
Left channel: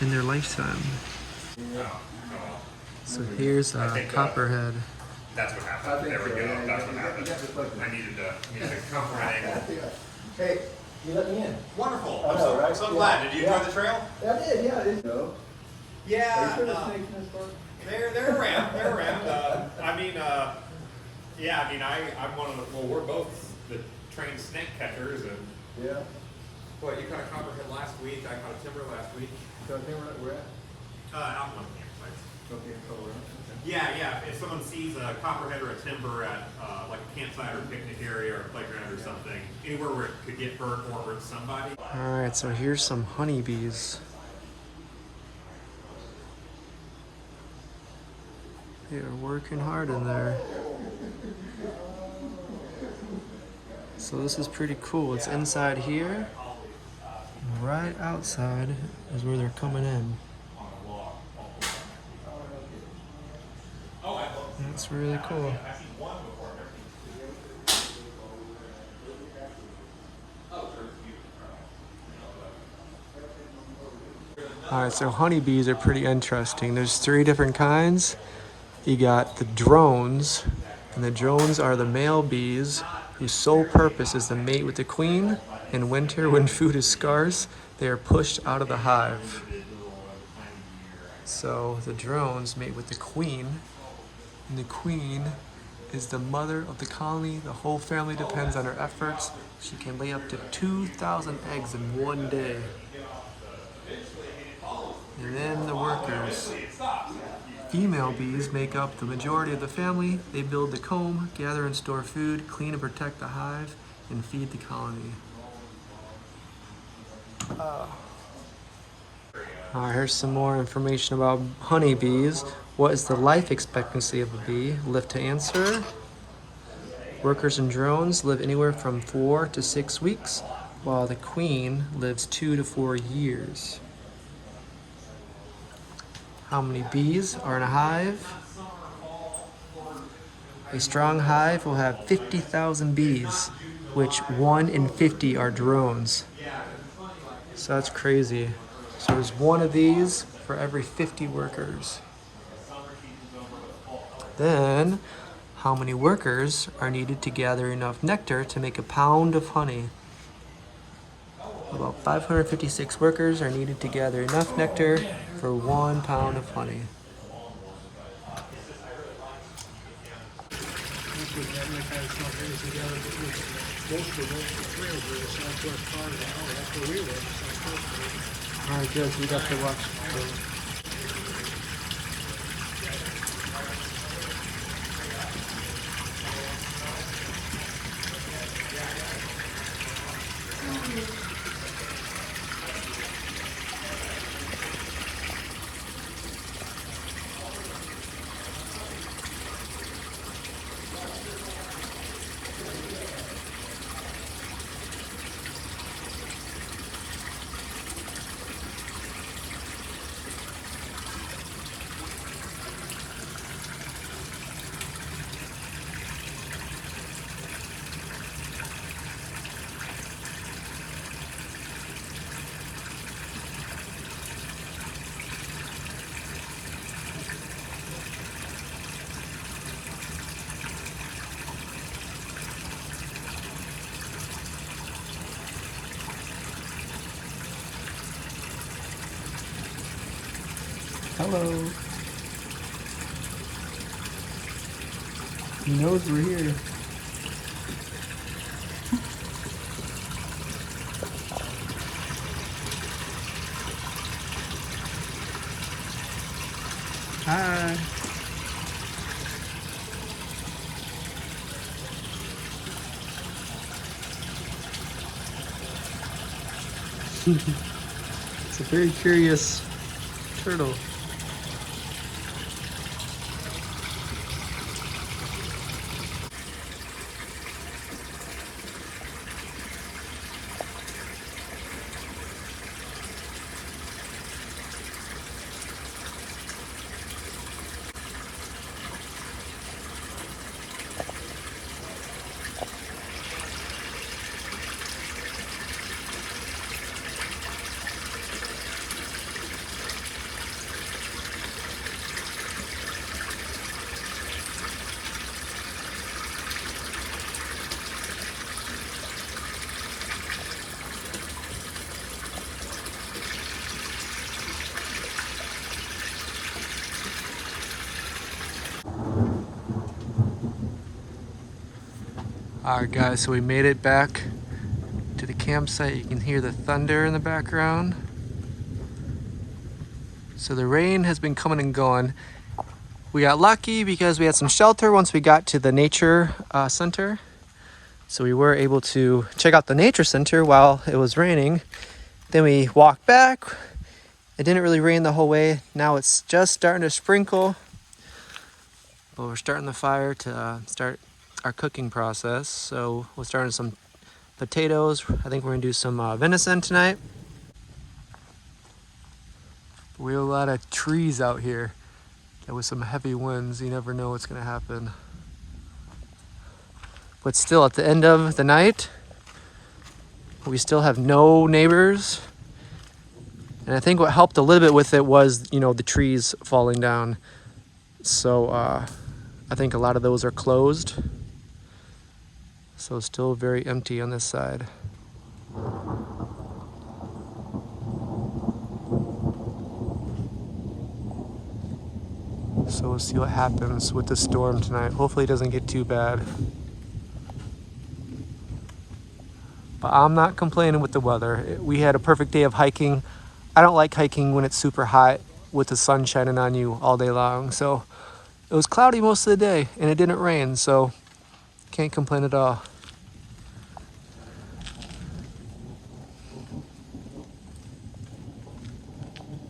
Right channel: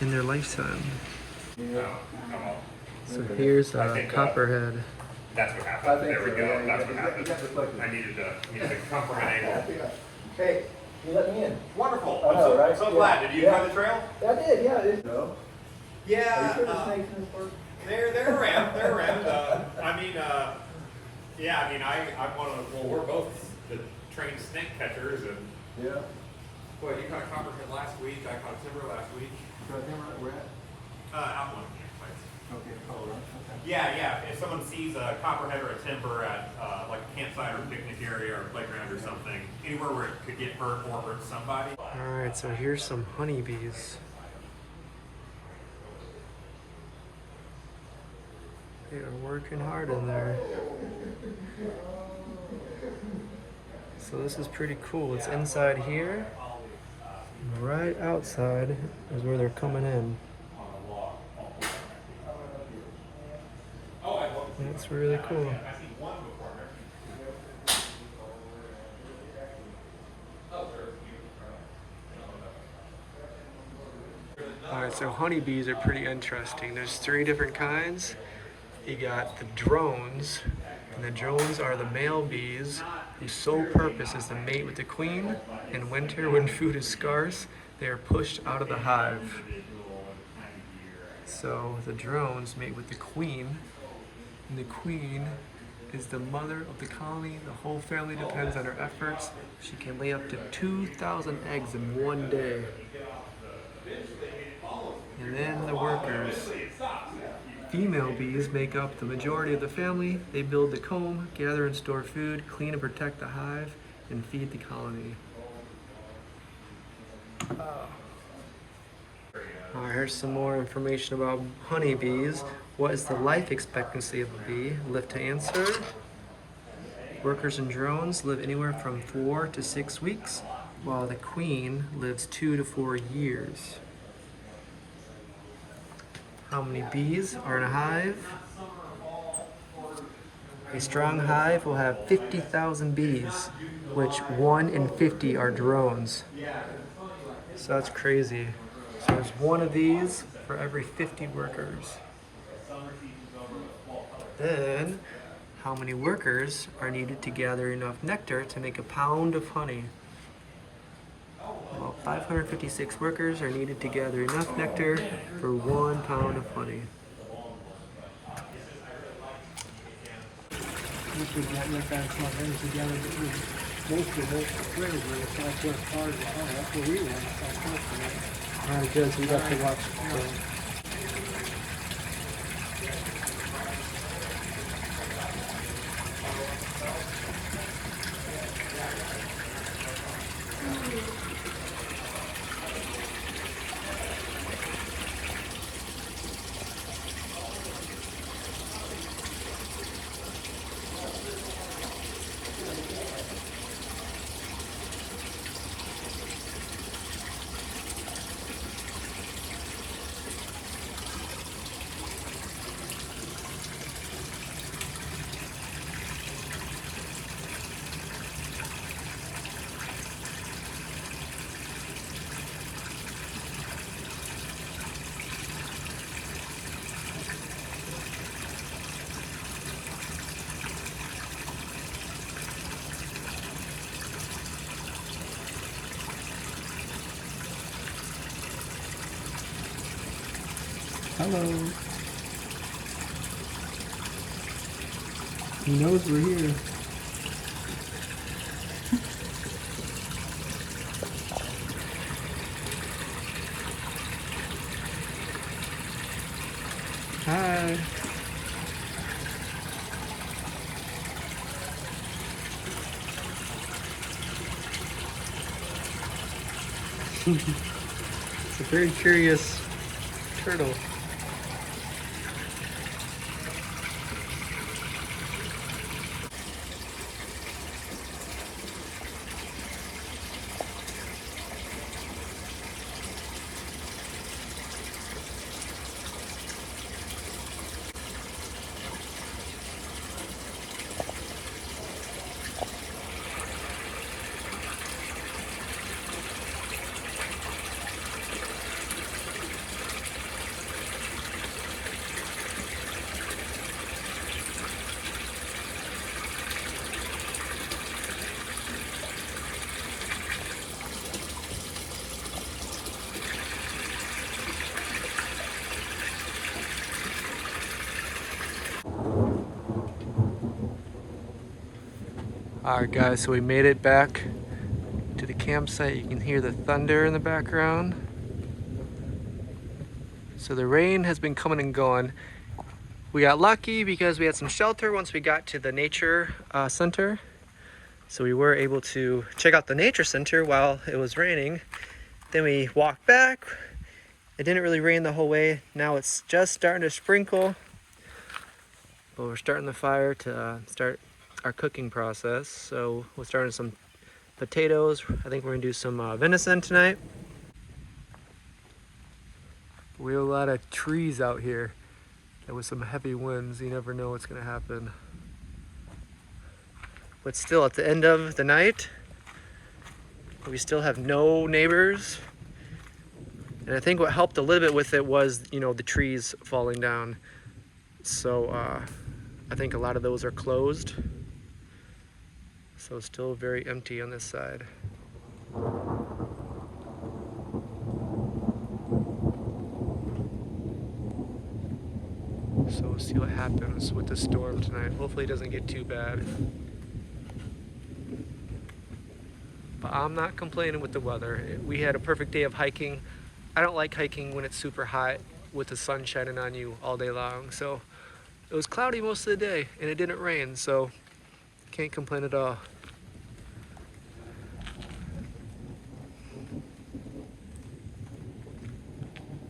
in their lifetime. So here's a copperhead. That's what happened. There we go. That's what happened. I needed to comprehend it. Hey, you let me in. Wonderful. I know, right? I'm so glad. Did you enjoy the trail? I did, yeah. It is. Yeah. They're around. They're around. I'm one of the, well, we're both the trained snake catchers. And Yeah. well, you caught a copperhead last week. I caught a timber last week. So here we're at. Out one of the campsites. Okay, hold on. Okay. Yeah. If someone sees a copperhead or a timber at like a campsite or a picnic area or a playground or something, anywhere where it could get hurt or hurt somebody. All right, so here's some honeybees. They are working hard in there. So this is pretty cool. It's inside here. And right outside is where they're coming in. That's really cool. Alright, so honeybees are pretty interesting. There's 3 different kinds. You got the drones, and the drones are the male bees whose sole purpose is to mate with the queen. In winter, when food is scarce, they are pushed out of the hive. So the drones mate with the queen, and the queen is the mother of the colony. The whole family depends on her efforts. She can lay up to 2,000 eggs in one day. And then the workers. Female bees make up the majority of the family. They build the comb, gather and store food, clean and protect the hive, and feed the colony. Here's some more information about honeybees. What is the life expectancy of a bee? Live to answer. Workers and drones live anywhere from 4 to 6 weeks, while the queen lives 2 to 4 years. How many bees are in a hive? A strong hive will have 50,000 bees, which 1 in 50 are drones. So that's crazy. So there's 1 of these for every 50 workers. Then, how many workers are needed to gather enough nectar to make a pound of honey? About 556 workers are needed to gather enough nectar for 1 pound of honey. Alright, good, so we got to watch. Hello. He knows we're here. Hi. It's a very curious turtle. Alright guys, so we made it back to the campsite. You can hear the thunder in the background. So the rain has been coming and going. We got lucky because we had some shelter once we got to the nature center. So we were able to check out the nature center while it was raining. Then we walked back. It didn't really rain the whole way. Now it's just starting to sprinkle. But we're starting the fire to start our cooking process. So we're starting some potatoes. I think we're gonna do some venison tonight. We have a lot of trees out here. There was some heavy winds. You never know what's gonna happen. But still, at the end of the night, we still have no neighbors. And I think what helped a little bit with it was, you know, the trees falling down. So I think a lot of those are closed. So still very empty on this side. So we'll see what happens with the storm tonight. Hopefully it doesn't get too bad. But I'm not complaining with the weather. We had a perfect day of hiking. I don't like hiking when it's super hot with the sun shining on you all day long. So it was cloudy most of the day and it didn't rain, so can't complain at all.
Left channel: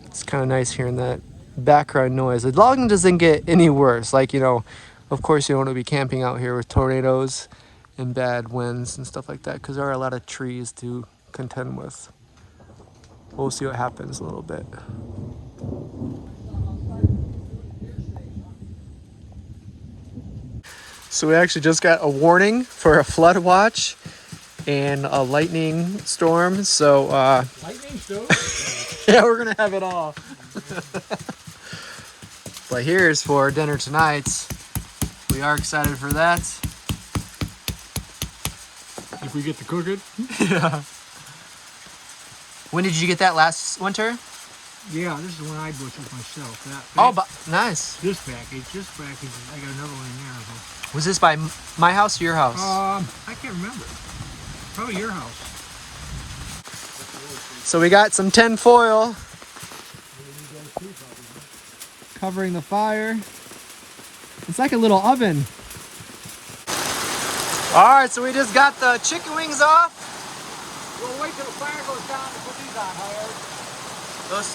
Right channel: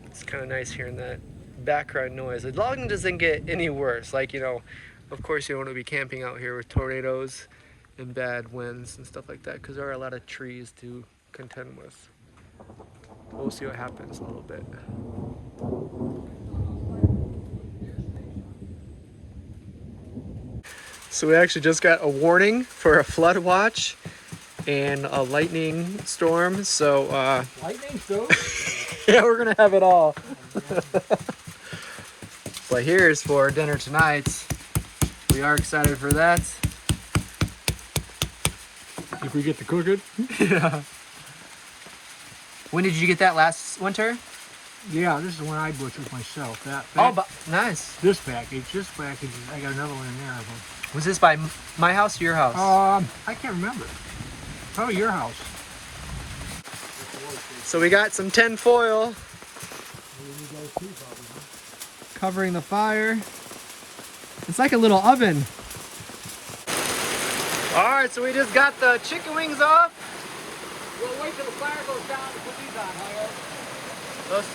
It's kind of nice hearing that background noise. As long as it doesn't get any worse, like, you know, of course you don't want to be camping out here with tornadoes and bad winds and stuff like that, because there are a lot of trees to contend with. We'll see what happens a little bit. So we actually just got a warning for a flood watch and a lightning storm. So Lightning storm? yeah, we're gonna have it all. But here's for dinner tonight. We are excited for that. If we get to cook it? Yeah. When did you get that last winter? Yeah, this is the one I butchered myself. Oh, but nice. This package, I got another one in there. Was this by my house or your house? I can't remember. Probably your house. So we got some tin foil covering the fire. It's like a little oven. All right, so we just got the chicken wings off. Well, wait till the fire goes down. Those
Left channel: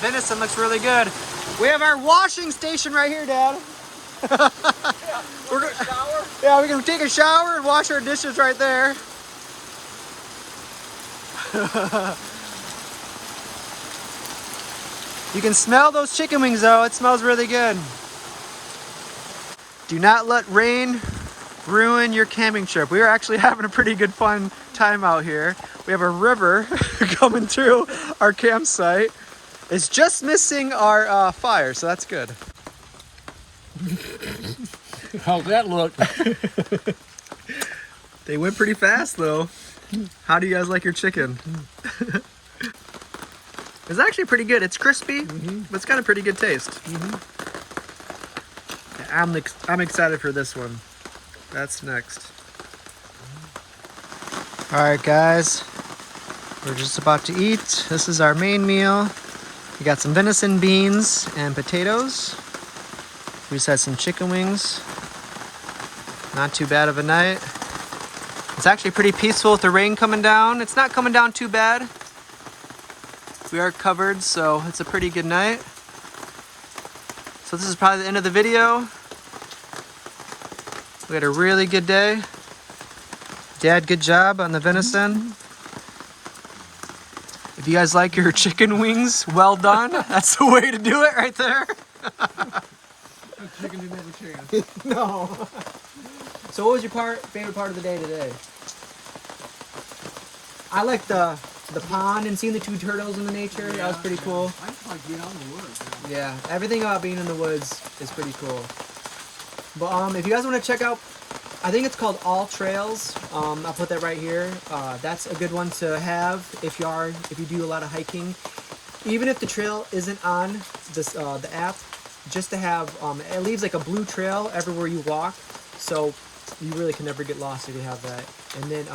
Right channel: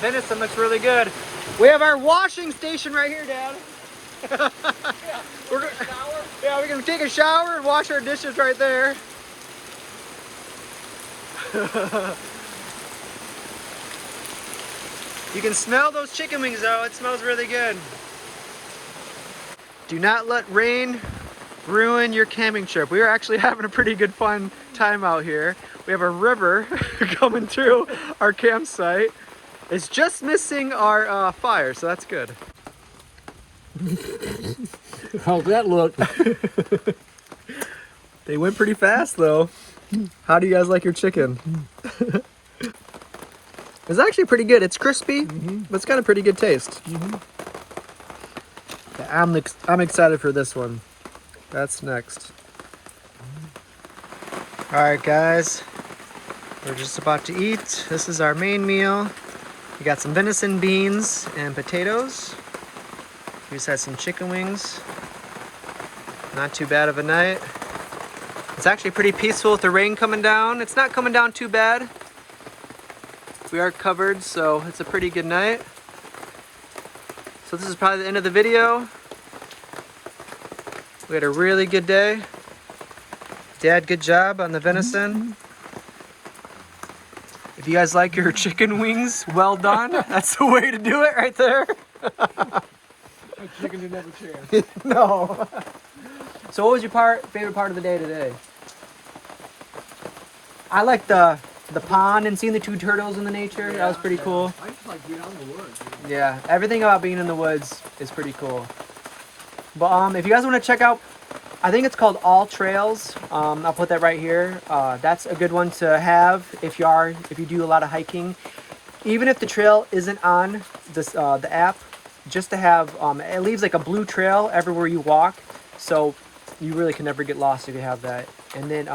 venison looks really good. We have our washing station right here, Dad. Yeah, we can take a shower and wash our dishes right there. You can smell those chicken wings though. It smells really good. Do not let rain ruin your camping trip. We are actually having a pretty good fun time out here. We have a river coming through our campsite. It's just missing our fire, so that's good. How's that look? They went pretty fast though. How do you guys like your chicken? This It's actually pretty good. It's crispy, but it's got a pretty good taste. Yeah, I'm excited for this one. That's next. All right, guys. We're just about to eat. This is our main meal. We got some venison, beans, and potatoes. We just had some chicken wings. Not too bad of a night. It's actually pretty peaceful with the rain coming down. It's not coming down too bad. We are covered, so it's a pretty good night. So this is probably the end of the video. We had a really good day. Dad, good job on the venison. If you guys like your chicken wings, well done. That's the way to do it right there. Chicken didn't have a chance. No. So what was your favorite part of the day today? I like the pond and seeing the two turtles in the nature. That was pretty cool. I just like being out in the woods. Yeah, everything about being in the woods is pretty cool. But if you guys want to check out, I think it's called All Trails. I'll put that right here. That's a good one to have if you do a lot of hiking. Even if the trail isn't on this the app, just to have it leaves like a blue trail everywhere you walk, so you really can never get lost if you have that. And then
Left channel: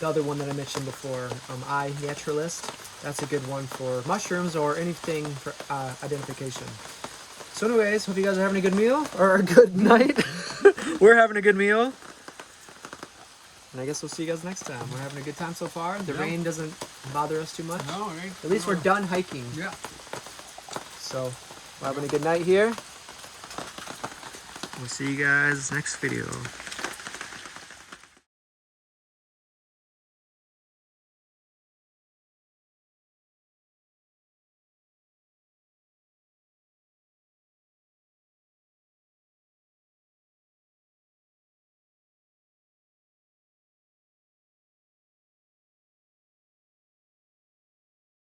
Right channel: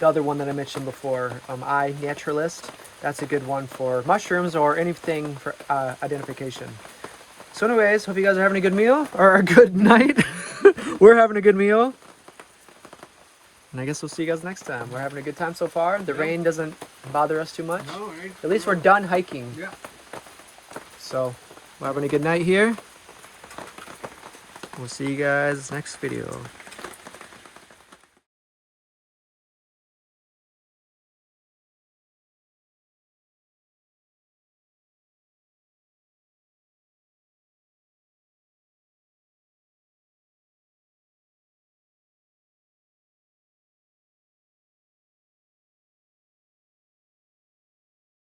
the other one that I mentioned before, iNaturalist. That's a good one for mushrooms or anything for identification. So anyways, hope you guys are having a good meal or a good night. We're having a good meal. And I guess we'll see you guys next time. We're having a good time so far. The rain doesn't bother us too much. No, At least we're done hiking. Yeah. So we're having a good night here. We'll see you guys next video.